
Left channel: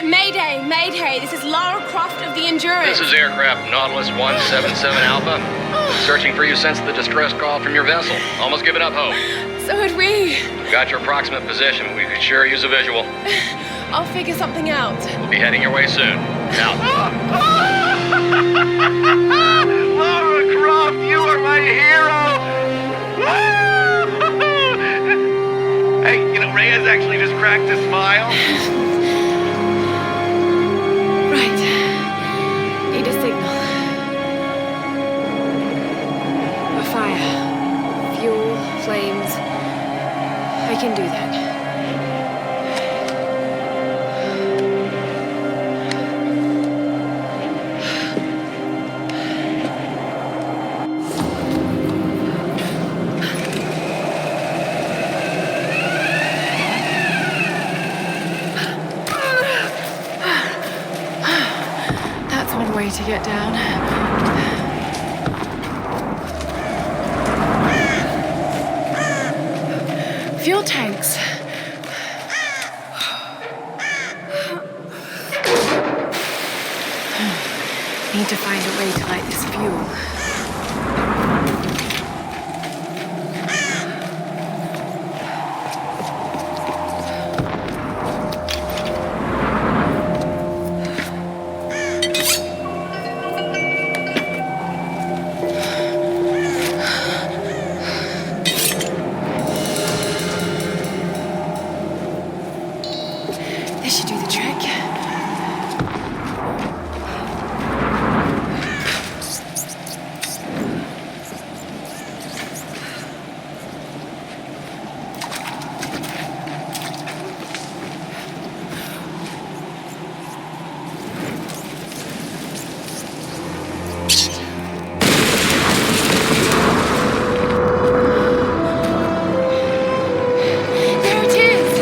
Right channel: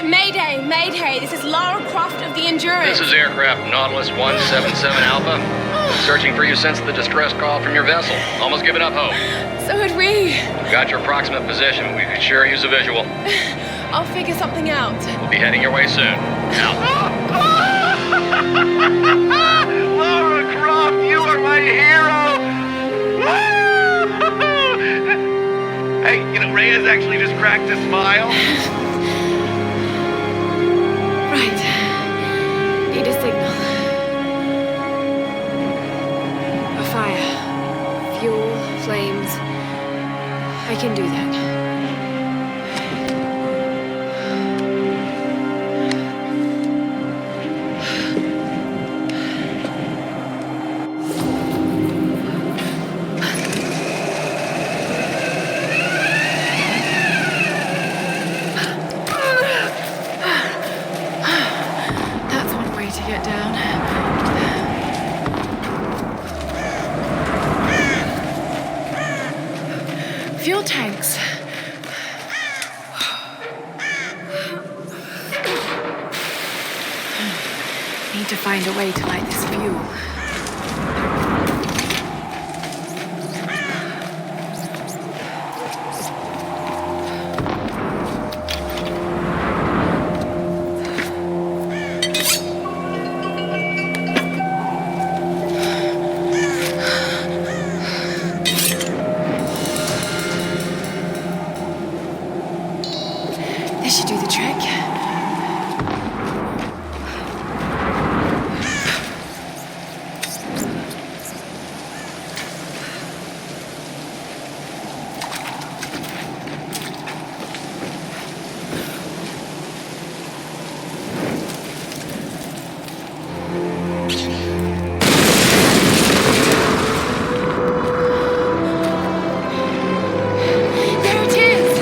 Mayday! Mayday! This is Lara Croft of the Endurance. This is aircraft Nautilus 177 Alpha. Searching for you since the distress call from your vessel. Almost given up hope. So had we. Got your approximate position, but we could sure use a visual. I'll figure something out. We'll be heading your way soon. Out. Lara Croft, you are my hero! Hey, Reyes actually just cracked a smile. Right. Need a signal. A fire. Fuel, flames. I can do that. That's one way to get down. Fuel tanks. Need to find a way to light this fuel. This should do the trick. There it is!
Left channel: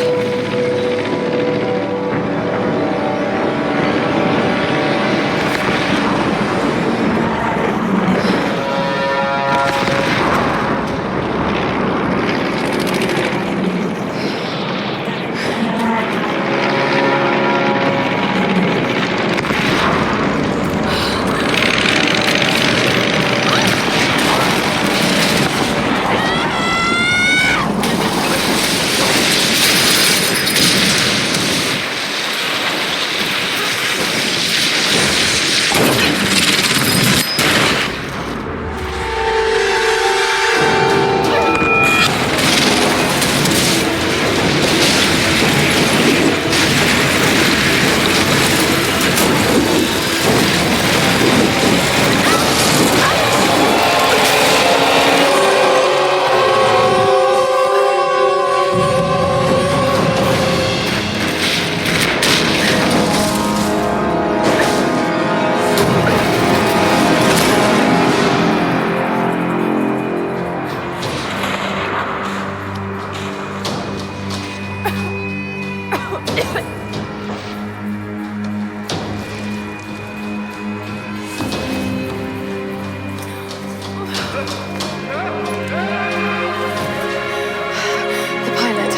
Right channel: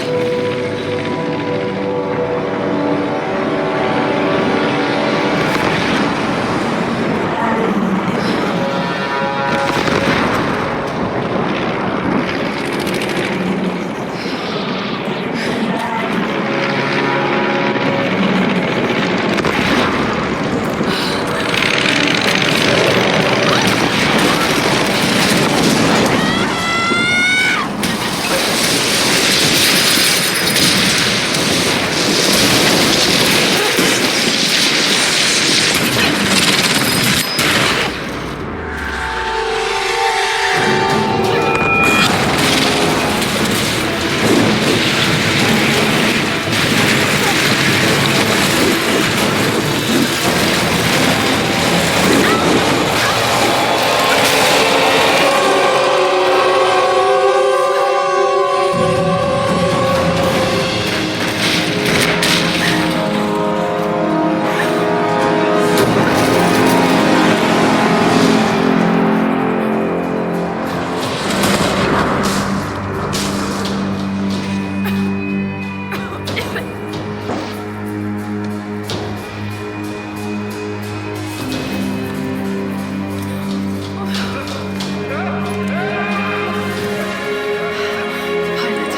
The pilot.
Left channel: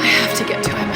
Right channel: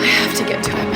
I have to get to him.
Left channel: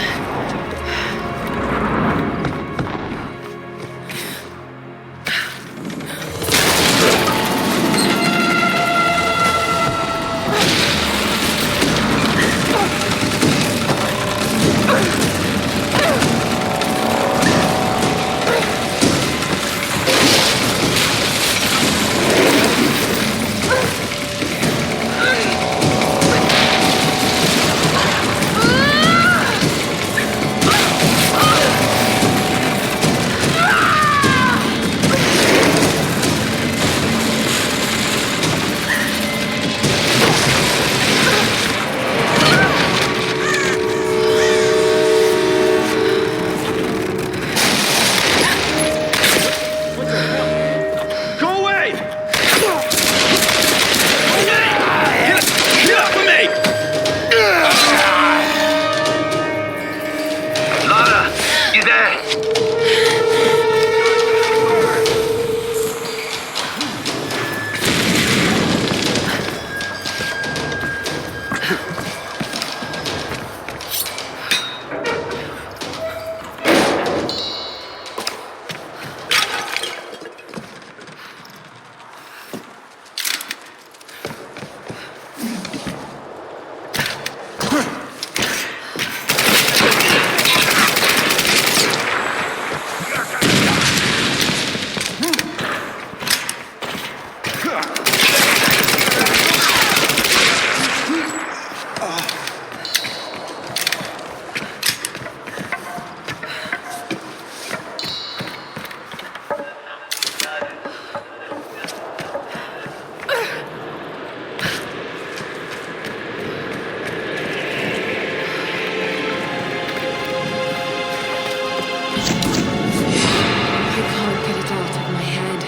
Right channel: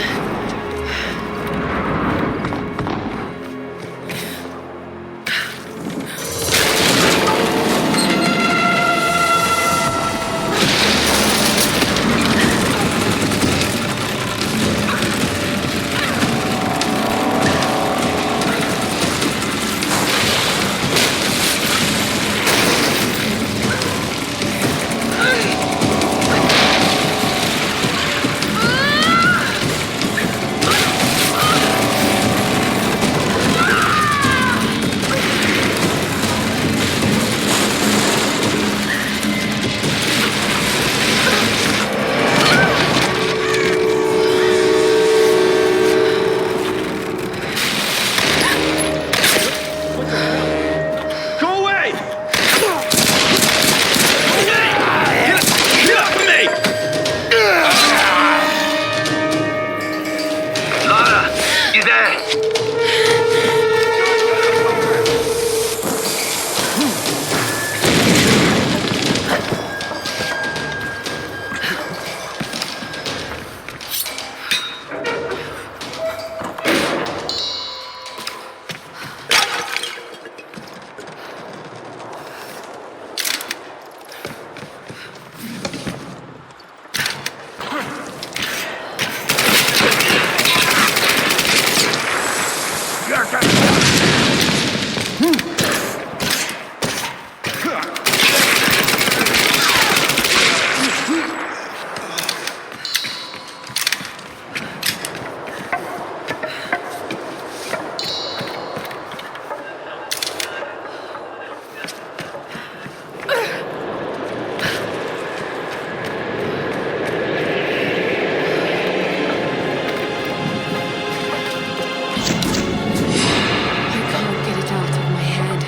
out of my head.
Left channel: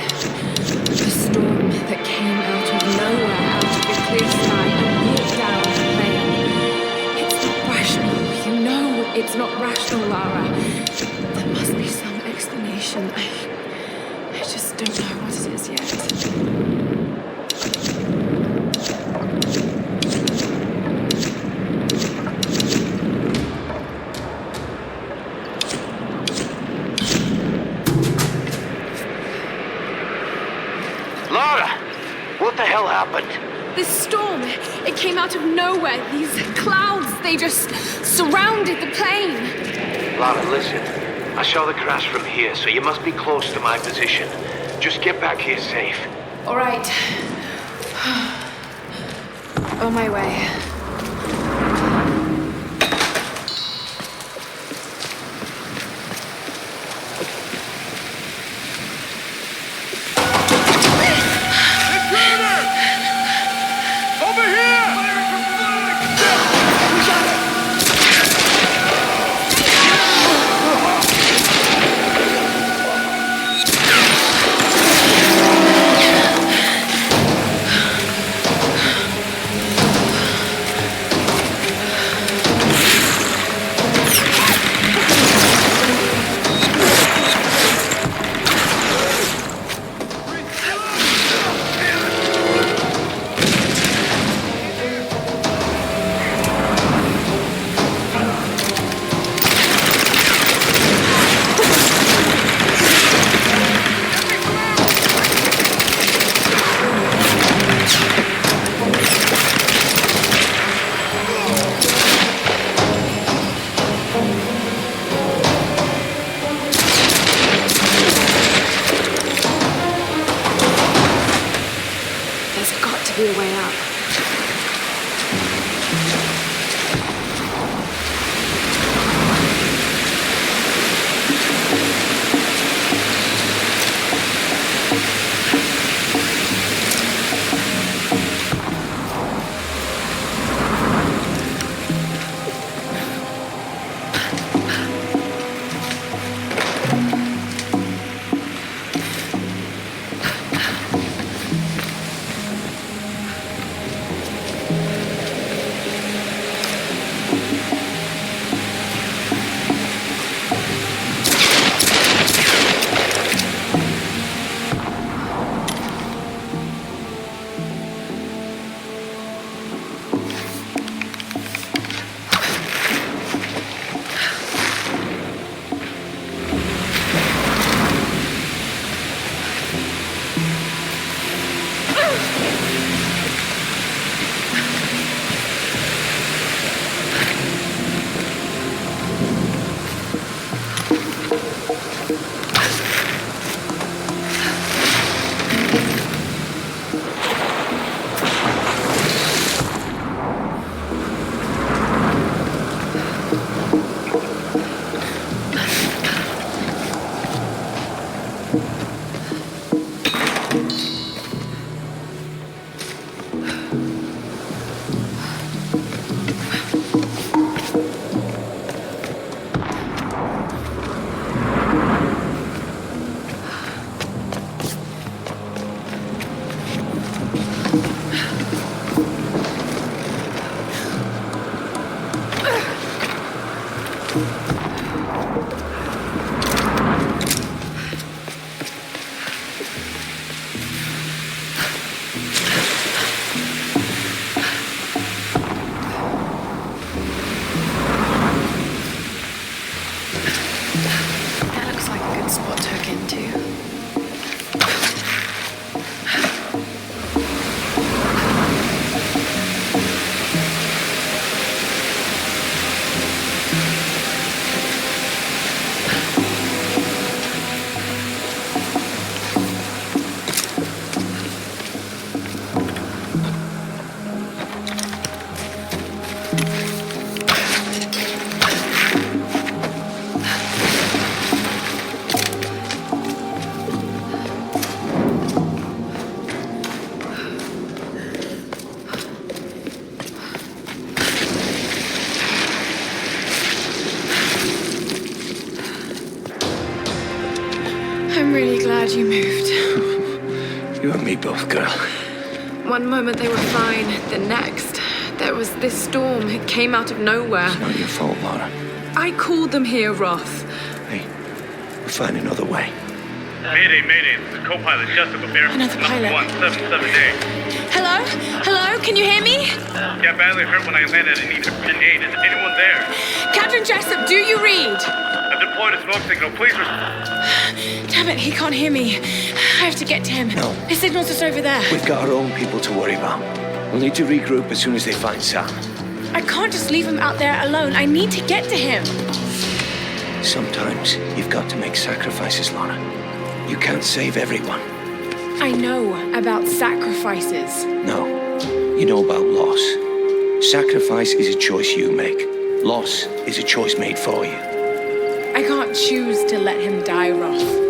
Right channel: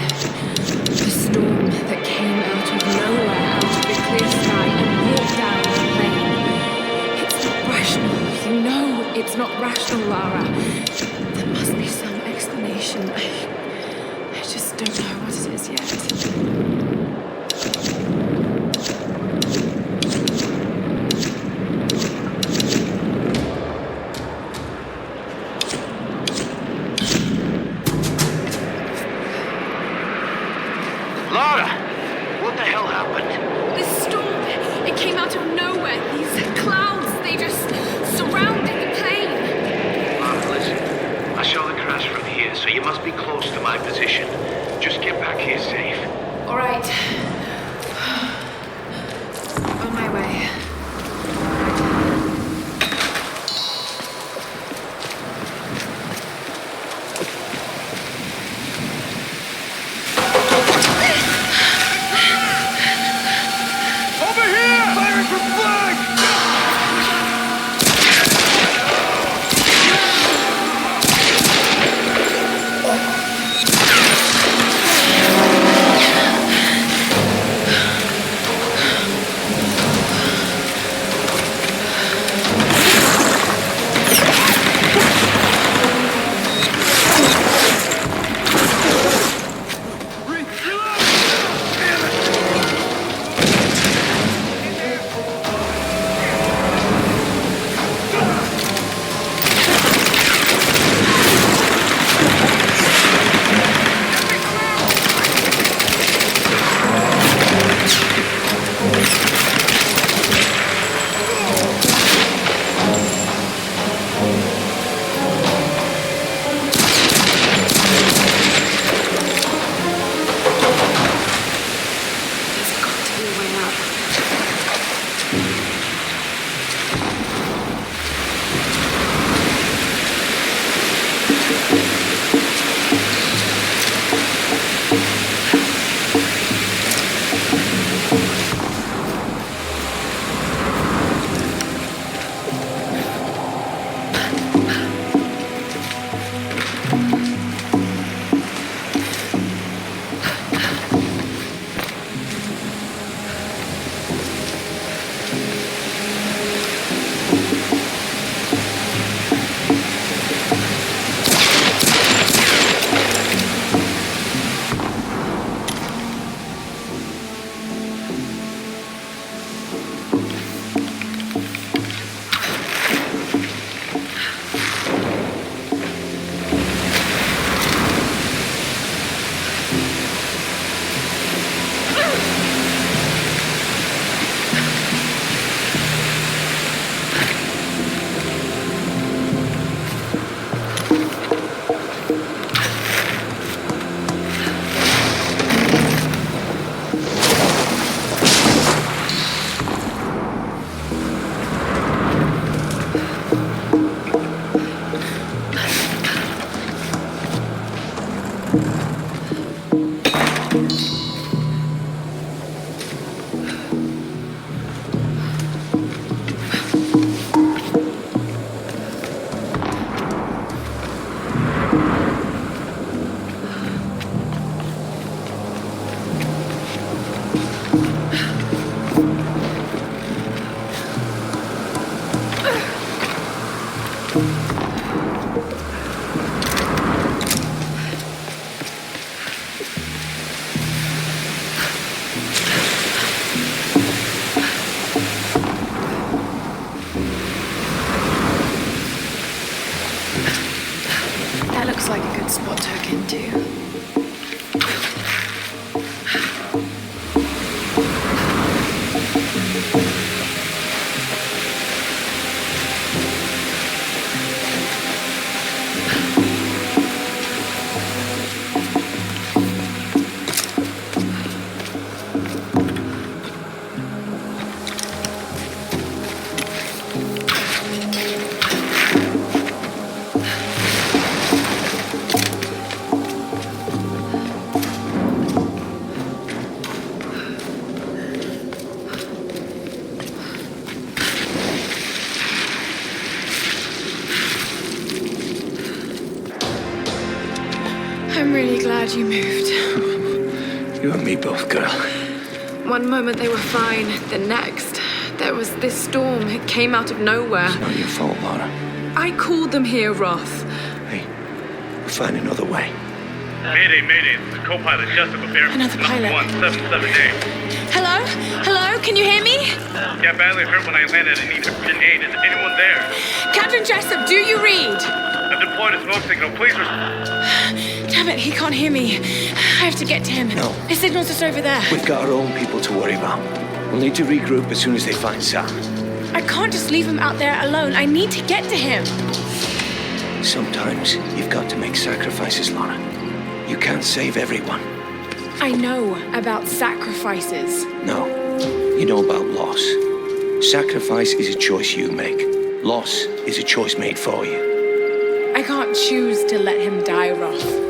The storm that came out of nowhere, out of the clear sky, and brought down the plane. It's not rational. You know it's not rational, Lara. There must be some explanation. I just don't know what it is yet. What the hell happened? This storm, it came out of nowhere. These clouds, they just surrounded the plane. Lara, listen. I saw the crash from here, so you must be close to my position. Just get back here safe. All right. On my way. Looks like a good spot to hook into. I'm really glad you moved. You and me both, girl. One moment they were fine, the next, there was this storm. It came out of nowhere. It's not your fault, Lara. I called them here, Roth. Hey, we'll find another way. Mayday, mayday. This is co-pilot Jessica Bear. Another pilot. 177A. Hello? Hello? Can you hear me? Yeah, badly hurt when I landed and need urgent aid. Is anyone there? Captain Jessup, do you read? I've deployed a smoke signal. Please Damn it, he can't hear me. I have to get to him. No. His signal's just over there. We've got our own people to worry about. We'll need to regroup as soon as they find Sam. I can't just leave him out there alone. I need to get to him. Sometimes you've got to make sacrifices, Lara. You can't save everyone. I know about sacrifices. No, you know about loss. Sacrifice is a choice you make. Loss is a choice made for you. I can't choose to let him die, Roth.